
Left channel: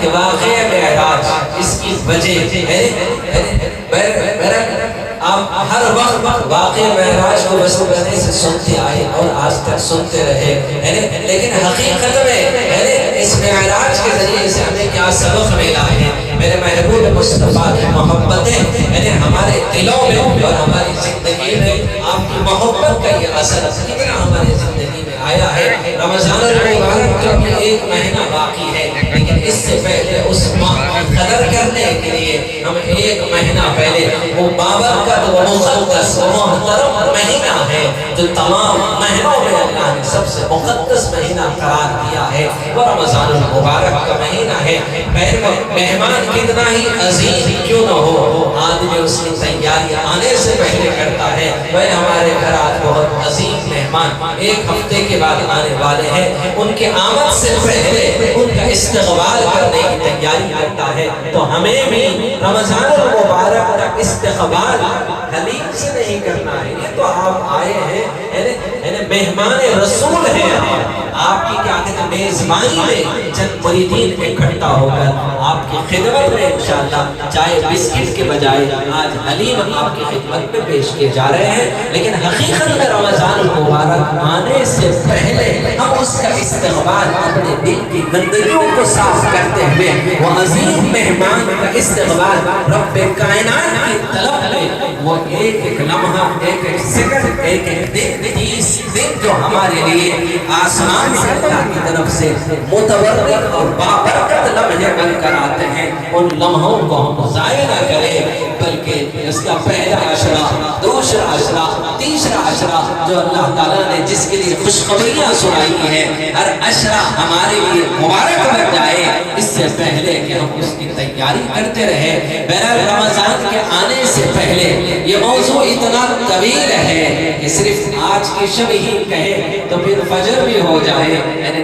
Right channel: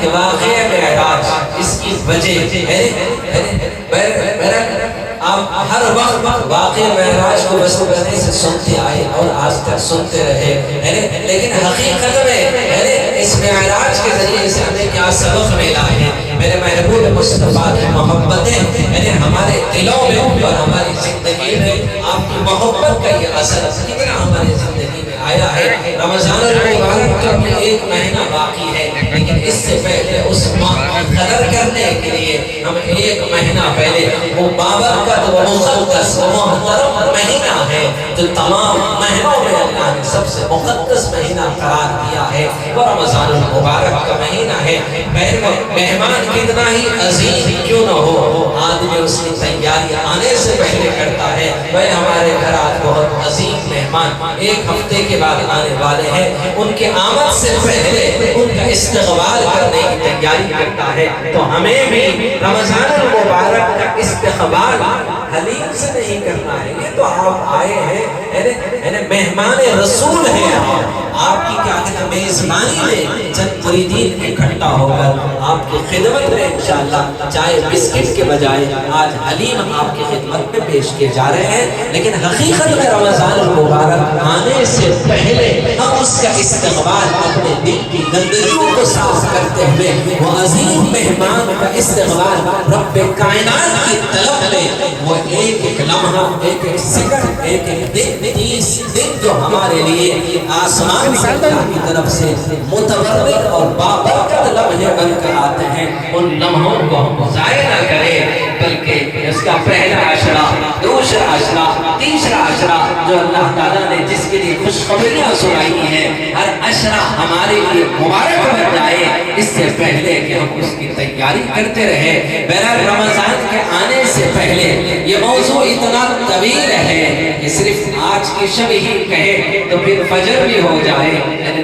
کہ واقعہ معراج اس کی وجہ آپ ہر وقت واقعہ معراج کو وصول کرنے سے سنتے آئے اور آج تک سنتے رہے, لیکن حقیقت میں اس معراج کے ذریعے سے ہمیں کیا سبق ملا ہے. میرے محبوب مصطفیٰ کی محبتیں ہمارے دلوں میں اور ہماری زندگی میں آپ کی محبت کا یہ اثر ہماری زندگی میں آیا ہے. رمضان المبارک کا ایک مہینہ باقی ہے, لیکن اس سے پہلے اس ماہ قدر کرنے کے لیے ہم ایک مہینہ پہلے وہ بابرکت و مقدس و محترم مہینہ ہے جو تمام مہینوں میں اللہ نے سب سے مقدس مہینہ قرار دیا ہے, وہ رمضان المبارک کا مہینہ ہے. مہمان کتنا ہی عظیم کیوں نہ ہو, آدمی اس کی تیاری آنے سے پہلے کرتا ہے. وہ ہمارے گھر آج بہت عظیم مہمان ایک ہفتے کے بعد آنے والے ہیں, ان کے آمد سے پہلے ان کا استقبال کرنے کی تیاری کرتا ہے. تو ہمیں بھی رمضان المبارک کا استقبال حلیم سے نہیں کرنا ہے. یہ تو آپ آئے ہیں مہمان رسول ہیں, آپ کی کیا کہتے ہیں میزبانی میں چند مریدین اکٹھا ہو کر آپ کی خدمت میں انشاءاللہ چائے بسکٹ کے بجائے آج حلیم آپ کی خدمت میں پیش کیے جا رہے ہیں. لیکن حقیقت میں رمضان المبارک آنے سے پہلے ہم اس کا استقبال اپنے دل کی گندگیوں کو صاف کرتے ہوئے وہ عظیم مہمان کا استقبال رب کائنات کی طرف لے, وہ ایک ایک لمحہ, ایک ایک سیکنڈ, ایک ایک دن, 30 دن جو ہمارے لیے آسمان سے اللہ کی طرف سے متبرک اور بابرکت لمحے بن کر آتے ہیں, ان لمحوں کو ہم ضائع نہ کریں, بلکہ اس کا پہلا عشرہ, دوسرا عشرہ, تیسرا عشرہ جو اللہ تعالیٰ نے جس کے لیے خوشخبریاں سنائی ہیں, ہر عشرہ ہمارے لیے مبارک بن جائے اس سے پہلے کہ ہم اس کی تیاری کرتے رہے. بہرحال رمضان کے آنے سے پہلے یہ موضوع اتنا طویل ہے کہ صرف آج کی شب ہی کہیں تو پھر فجر بھی ہو جائے,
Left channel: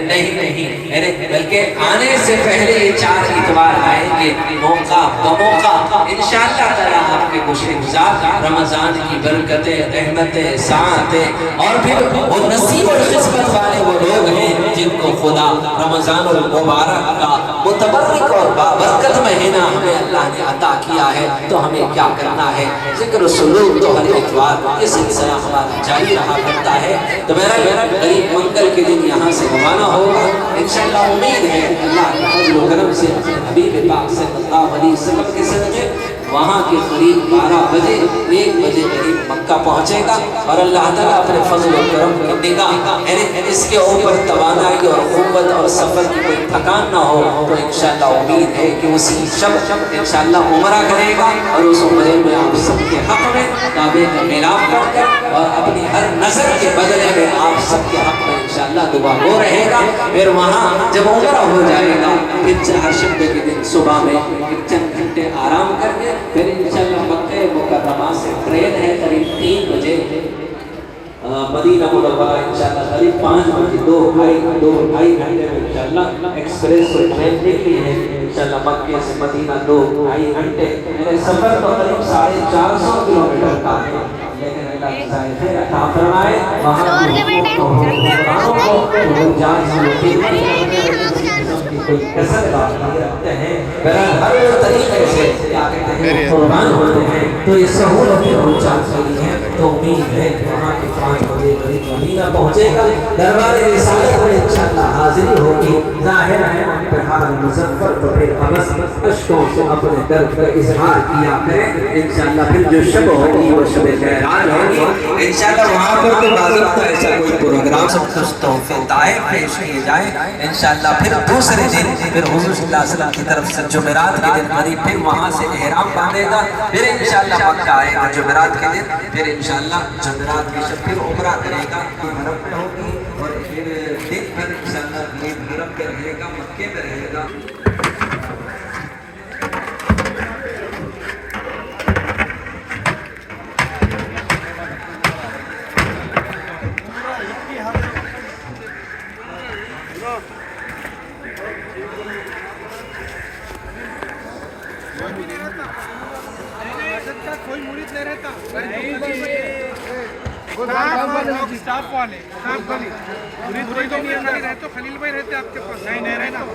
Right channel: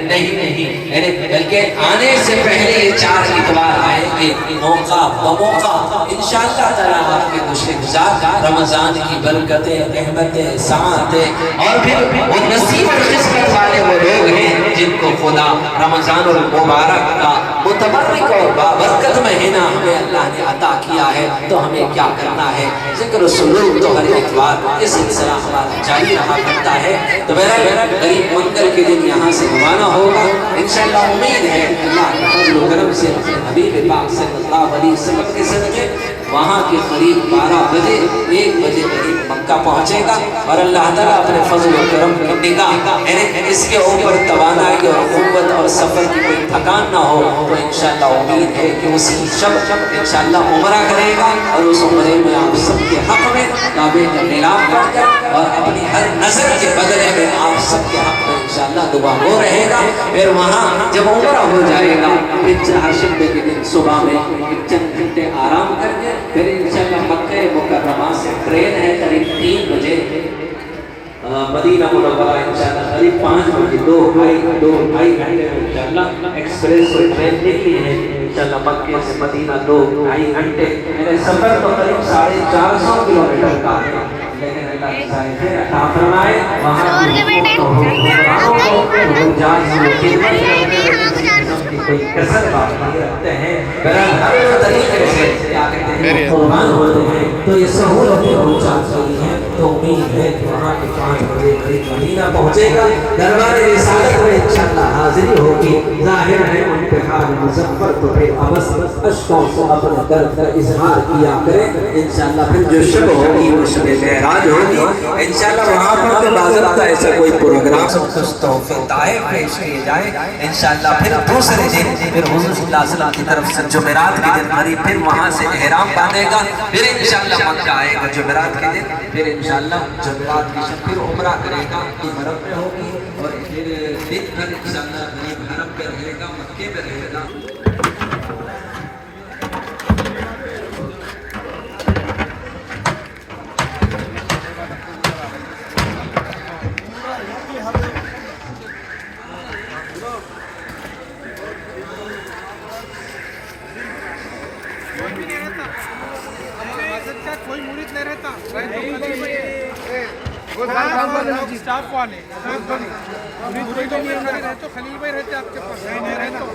نہیں, بلکہ آنے سے پہلے یہ 4 اتوار آئیں گے موقع بموقع انشاءاللہ تعالیٰ آپ کے گزار رمضان کی برکتیں, رحمتیں, سعادتیں اور پھر وہ نصیب اور قسمت والے وہ لوگ ہیں جن کو خدا رمضان المبارک کا متبرک اور بابرکت مہینہ ہمیں اللہ نے عطا کیا ہے. تو ہمیں کیا کرنا ہے, ذکر سلوک تو ہر اتوار اس سلسلہ ہمارا جاری رہا کرتا ہے. تو میرا غریب منکر کے دن یہاں سے روانہ ہوگا انشاءاللہ. امید ہے اللہ کے کرم سے حبیب پاک صلی اللہ علیہ وسلم کے صدقے وہاں کے قریب 12 بجے 1 بجے قریب مکہ پہنچے گا, اور اللہ تعالیٰ اپنے فضل و کرم کی نگاہ اس کے اوپر توانائی اور قوت اور سفر کی کوئی تھکان نہ ہو, تو انشاءاللہ امید ہے کہ اسی شب انشاءاللہ عمرہ کرے گا, اور اس عمرے میں آپ سب کے حق میں کعبے کا میراب پڑھ کر اور اپنی ہر نظر کے بدلے میں آپ سب کے حق میں انشاءاللہ دعا ہو رہے گا. پھر وہاں جب عمرہ ہو جائے گا پھر چہارشنبے کے دن صبح میں چند گھنٹے آرام کر کے پھر انشاءاللہ مکہ مکرمہ سے ٹرین ہے قریب 3 بجے مدینہ منورہ انشاءاللہ قریب 5 بجے 2-2.5 گھنٹے میں انشاءاللہ ایکسپریس ٹرین نکلی ہے انشاءاللہ مکہ سے مدینہ 2-2.5 گھنٹے. میرے سفر تو قریب 450 کلومیٹر کا ہے, لیکن اللہ عطا فرمائے وہاں کوئی کسر باقی رکھتے ہیں ہر طریقے سے قربان ہوتے ہیں تو یہ سہولتیں پہنچا سکتی ہیں تو امید ہے کہ وہاں کے 5 بجے قریب مدینہ پہنچے گا دربار رسالت میں انشاءاللہ حاضری ہوگی ظاہر ہے ان پہ حال مظفر تو پھر ابس اشکوں سے اپنے درد کا اظہار کیا کریں انشاءاللہ پھر جو شب ہوگی وہ شب معراج ہوگی انشاءاللہ وہاں پر تو باضابطہ ایسا کوئی پروگرام تحفے طائف پیش کیے جائیں انشاءاللہ پھر دوسرے دن پھر حضور صلی اللہ علیہ وسلم کی طرف سے جمعرات کے دن قریب پھر وہاں سے احرام باندھے گا پھر انشاءاللہ مکہ آئے گا جمعرات کے دن پھر انشاءاللہ جمعرات کی شب پھر عمرہ کرے گا حرم میں ہوگی اور پھر دن بھر انشاءاللہ حرم پہ رہے گا مکے میں رہے گا کوئی مرید نہیں رہتا اسٹاف والے مرید کوئی بھی نہیں رہتا تو خلیل بھائی رہتے آپ کے پاس نہیں رہتا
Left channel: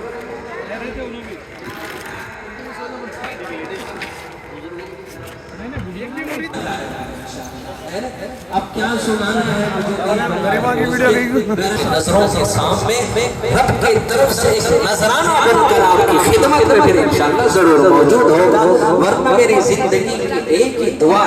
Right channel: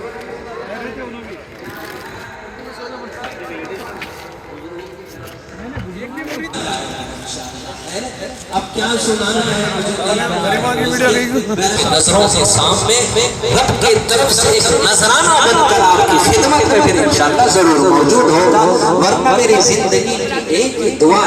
رہتے انہوں بھی اب کیا سنانا ہے نظروں کے سامنے رب کی طرف سے ایک نذرانہ بن کر آپ کی خدمت میں پھر انشاءاللہ ضرور موجود ہو ورنہ میری زندگی کی ایک ہی دعا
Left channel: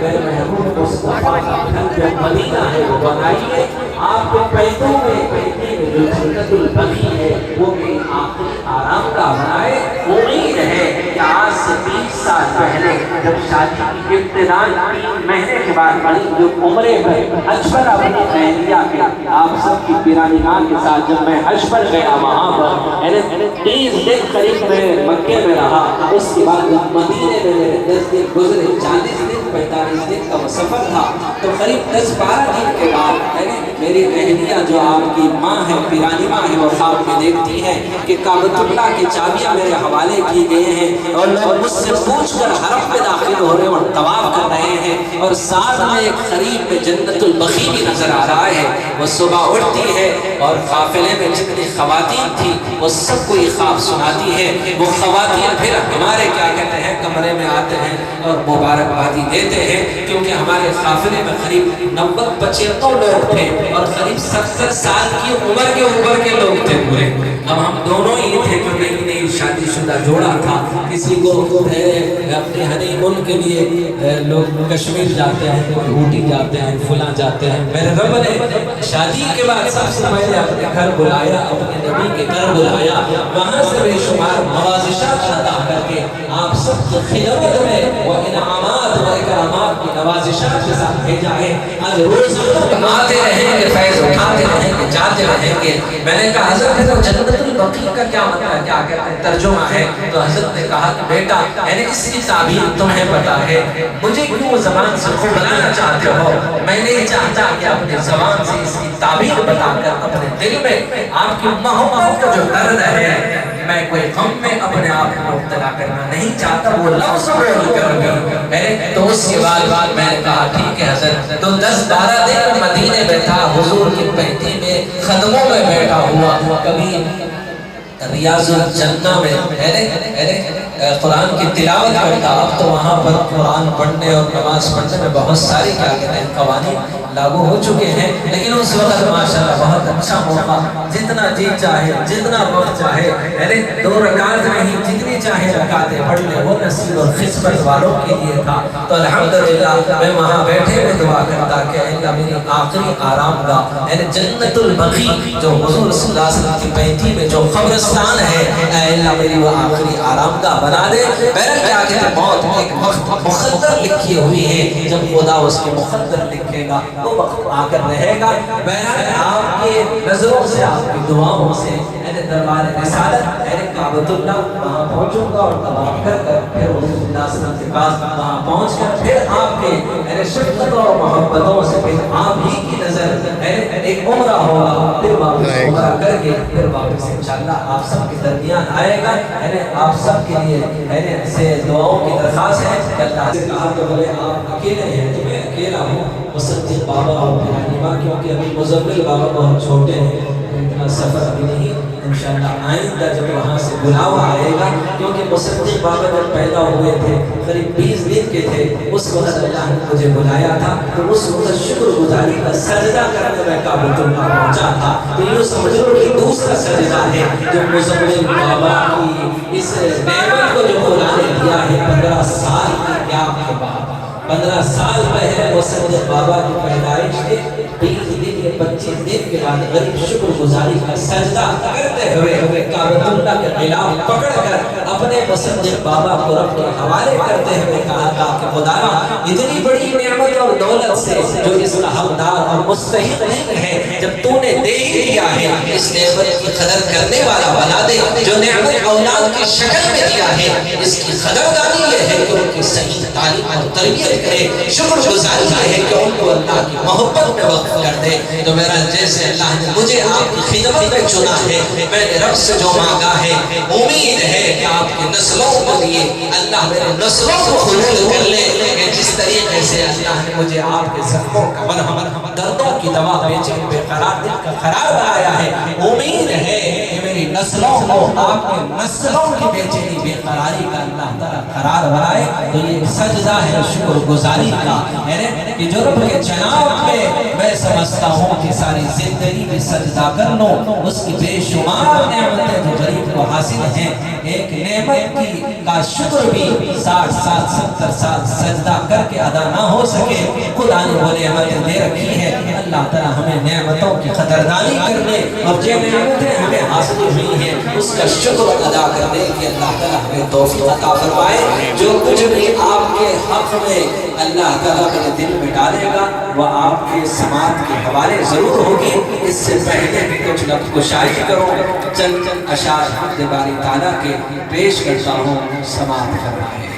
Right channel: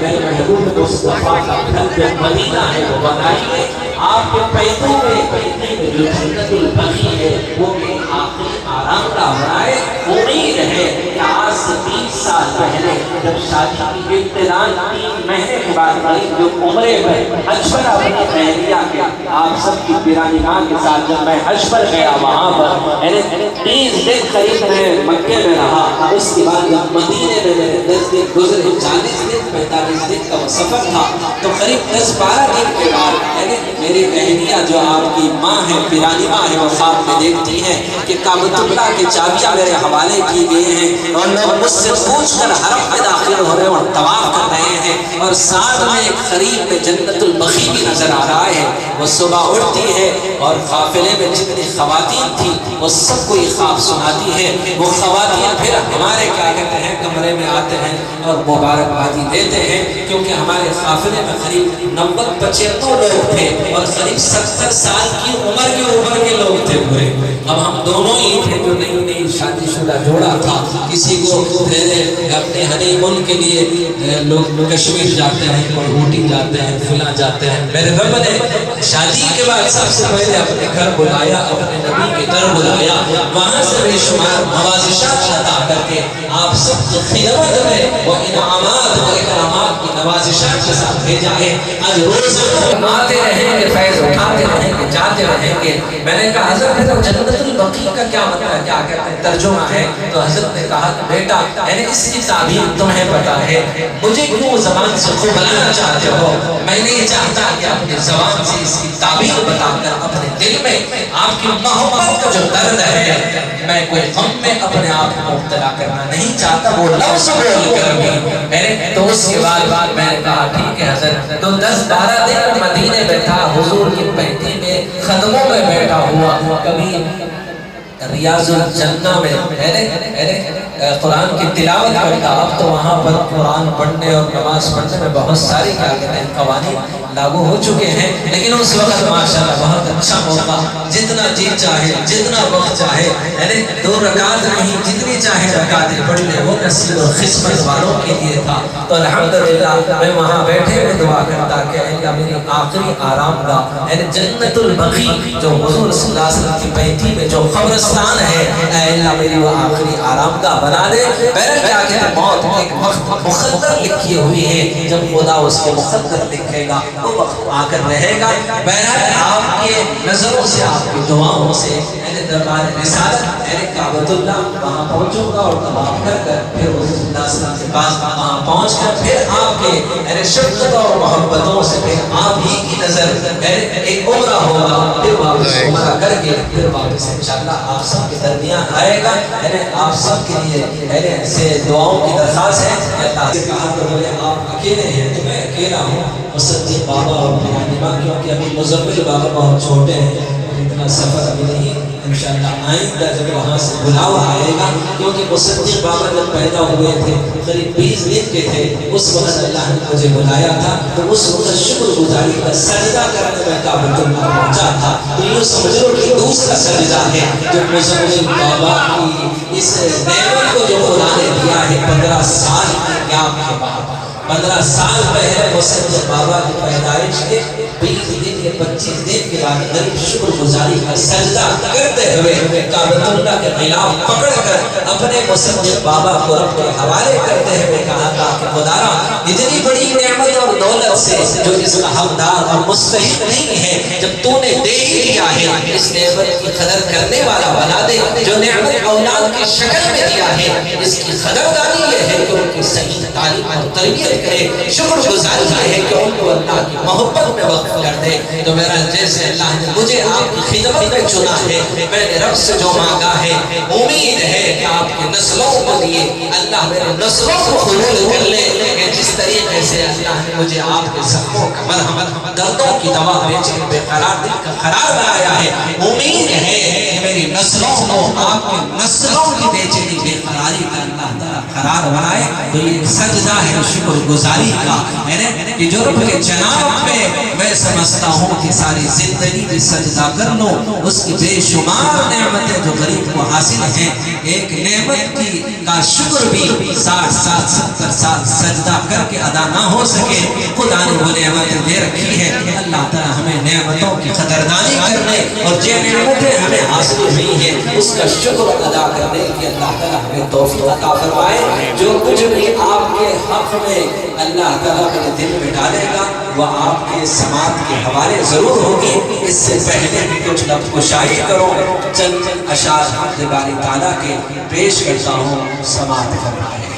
میرے محبوب مصطفیٰ کا گھر مدینہ ہے وہ بنائیے آپ کے پیدوں میں جو جنت البقیع ہے وہ بھی آخری آرام کا بنائے امید ہے کہ آج سے 30 سال پہلے جب شادی کی ابتدا 3 مہینے کے بعد قریب جو عمرے میں حج پر اپنی بہنیا کے آپ سب کی پیرانی ماں کے ساتھ جب میں حج پر گیا وہاں پر 30 دن قریب میں مکے میں رہا اس کے بعد جب مدینے میں میرے 10 دن گزرے 40 دن 45 دن کا وہ سفر تھا تو قریب 10-12 دن کے بعد میری بہنیا جو آپ کی ماں ہے پیرانی ماں ہے وہ خواب میں دیکھتی ہیں کہ کعبۃ اللہ کی چابیاں میرے حوالے کی گئی ہیں اور لوگ مجھ سے پوچھ کر حرم میں داخل ہو رہے اور طواف کر رہے ہیں اور ساتھ میں ایک قریب میں جنت البقیع بھی نظر آ رہا ہے وہ صبح اٹھتی ہے اور قافلے میں جتنی خواتین تھیں وہ سب کو یہ خواب سناتی ہے وہ خواتین پھر ہمارے کیا کہتے ہیں کمرے میں آتے ہیں اور مبارکبادی دیتے ہیں کیونکہ ہمارے قافلے میں قریب 90-95 لوگ تھے اور قریب 70 سال کی عمر کے اوپر کے لوگ تھے پورے اب ہم دونوں ہی تھے جو نئی شادی شدہ جوڑا تھا کسی کو اپنے ہنی مون کے لیے لوگ کشمیر جاتے ہیں کوئی اوٹی جاتے ہیں فلاں جاتے ہیں میرے رب نے شادی کے بعد سب سے پہلے اپنے گھر بلایا اپنے نبی کے در بلایا وہاں سے بے شمار نوازشات عطا کر کے آپ سب کی خدمت میں وہ انعامات و اکرامات کی نوازشات کے ساتھ بھیجا ہے آج روز آتے رہیں گے فیض اٹھاتے رہیں گے جاتے رہیں گے میں نے کہا حضرت جنت البقیع کا کیا مطلب کیا کہتے ہیں ترجمہ ہے تو حضرت نے کہا کہ بیٹا یعنی اس کی تعبیر تمہیں پتا ہے مجھے کیوں زبان سے خوب بلانا چاہتے ہو میں نہیں چاہتا کہ اپنی زبان سے اس کی تعبیر بتا کر اپنے دل میں آپ کی محبت کا جو درد ہے میں کوئی غم میں اپنے آپ کو مبتلا کرنا نہیں چاہتا وہ لفظ بول کر بھی میرے دوست کے بعد میں نے کہا ٹھیک ہے حضرت تو 10-12 دن مدینے میں تھا حضور کی پہنی میں قدموں میں بیٹھا ہوا کبھی ریاض الجنہ میں قرآن کی تلاوت کرتا اب تو وہاں پر قرآن پڑھنے اور نماز پڑھنے میں بہت ساری کیا کہتے ہیں قوانین لاگو ہو چکے ہیں لیکن اس وقت ماشاءاللہ بہت اچھا موقع جتنا جی چاہے جتنا وقت چاہے یعنی 2 رکعت نہیں جتنی چاہے رکعتیں پڑھ لیں وہ نصیب اور قسمت والوں کے لیے تھا تو الحمدللہ میں وہاں بیٹھے ہوئے دعا کرتا کہ اللہ میری آخری آرام گاہ یعنی جنت البقیع جو حضور صلی اللہ علیہ وسلم کی بیٹھی میں جو قبرستان ہے اے اللہ میری وہ آخری آرام گاہ بنا دے پہلے کیا کہ موت ایک وقت مقدر لکھی ہوئی ہے جب خدا اس کے مقدر لکھے گا وہ وقت آ کر رہے گا بہرحال آپ کی نظروں سے آپ کی دعاؤں سے دربار رسالت کعبۃ اللہ وہاں پہنچوں گا اور طواف کر کر پھر رسول اللہ صلی اللہ علیہ وسلم کے پاس وہاں پہنچ کر پھر آپ کے شفقت اور محبتوں سے پھر آپ ہی کی نظر ایک عمرہ ہوگا، پھر واپس عمرہ کر کے پھر واپس انشاءاللہ آپ سب کے درمیان آئے گا۔ آپ سب کے لیے سے دعاؤں کی درخواست ہے کہ اللہ سے کہا تو بولے آپ اکیلے ہیں تو میں اکیلا ہوں، مصدق بابا اور میرانی ماں، کیونکہ ابھی مزمل بابا بہت چھوٹے ہیں، اتنا سفر ابھی نہیں، انشاءاللہ آئندہ جب وہاں سے بلاوا آئے گا، کیونکہ مصدق بابا جب پیدا ہوئے تھے قریب 20 دن کے تھے، اس وقت اللہ نے مجھے بلایا تھا، تو اس وقت شکر گزاری کا سجدہ کرنے میں کعبۃ اللہ پہنچا تھا۔ تو یہ سمجھ لو کہ دوسرا سجدہ ہے جو مزمل بابا کی اس نعمت کو جو خدا نے دیا ہے 15 سال کی قیام کے بعد، 15 سال پہلے مصدق بابا کی پیدائش کے 20 دن یا 25 دن کے بعد غریب شکر گزاری کا سجدہ کرتے ہوئے کعبۃ اللہ کے غلاف پکڑ کر اپنے مصدق بابا کو رب کے حوالے کرتے ہوئے کہا تھا کہ خدایا اتنی بڑی نعمت اور دولت سے جو اس کا حقدار اور مستحق نہیں ہے، جب تو نے دے ہی دیا ہے، اس نعمت کی قدر کرنے والا بنا دے، جو نعمت اولاد کی شکل میں دیا ہے اس کی قدردانی یہ ہے کہ ان کی صحیح تعلیم اور تربیت کرے، شکر گزاری یہ ہے کہ ان کو اللہ کی محبت میں وقف کر دے۔ تو میرا جیسے اللہ نے مجھے آپ کی خدمت میں چنا ہے، میں نے رب سے جو مانگا ہے امید ہے کہ آپ کی نسلوں کو لیے اللہ میرے نسلوں کو قبول کر لے، کہ جس طریقے سے اللہ نے مجھے آپ کے زخموں کا مرہم، دردوں کی دوا، بے چین بے قرار دل کا قرار بنایا ہے، امید ہے کہ میری نسلوں کو آپ کے نسلوں کی بے چینی بے قراری کا اللہ تعالیٰ قرار بنائے۔ تو یہ سجدہ ہے شکر گزاری کا، کہ جو رب کے جناب میں سمجھتا ہوں کہ ساری زندگی میں سجدہ کر لو، اس کی بے شمار نعمتیں جو غریب کو حاصل ہیں، ایک نعمت کی کا شکر بھی 60 سال 70 سال سجدہ کر کے ادا نہ ہو سکے، خدا نے وہ نعمتیں دے رکھی ہے۔ اللہ تعالیٰ ہمیں نعمتوں کی قدردانی کرنے اور جو نعمتیں ہمیں حاصل ہوئی ہیں اس کا شکر ادا کرنے کی اللہ تعالیٰ ہمیں توفیق عطا فرمائے۔ جو کچھ بھی آپ کے حق میں اللہ تعالیٰ کے دل میں ڈالے گا وہ آپ کے سماعت کے حوالے ضرور ہوگی۔ اس سے پہلے بھی کچھ لفظ گشائی کرو، چند اشعار حمد باری تعالیٰ کے پیش کرتا ہوں، سماعت فرمائے۔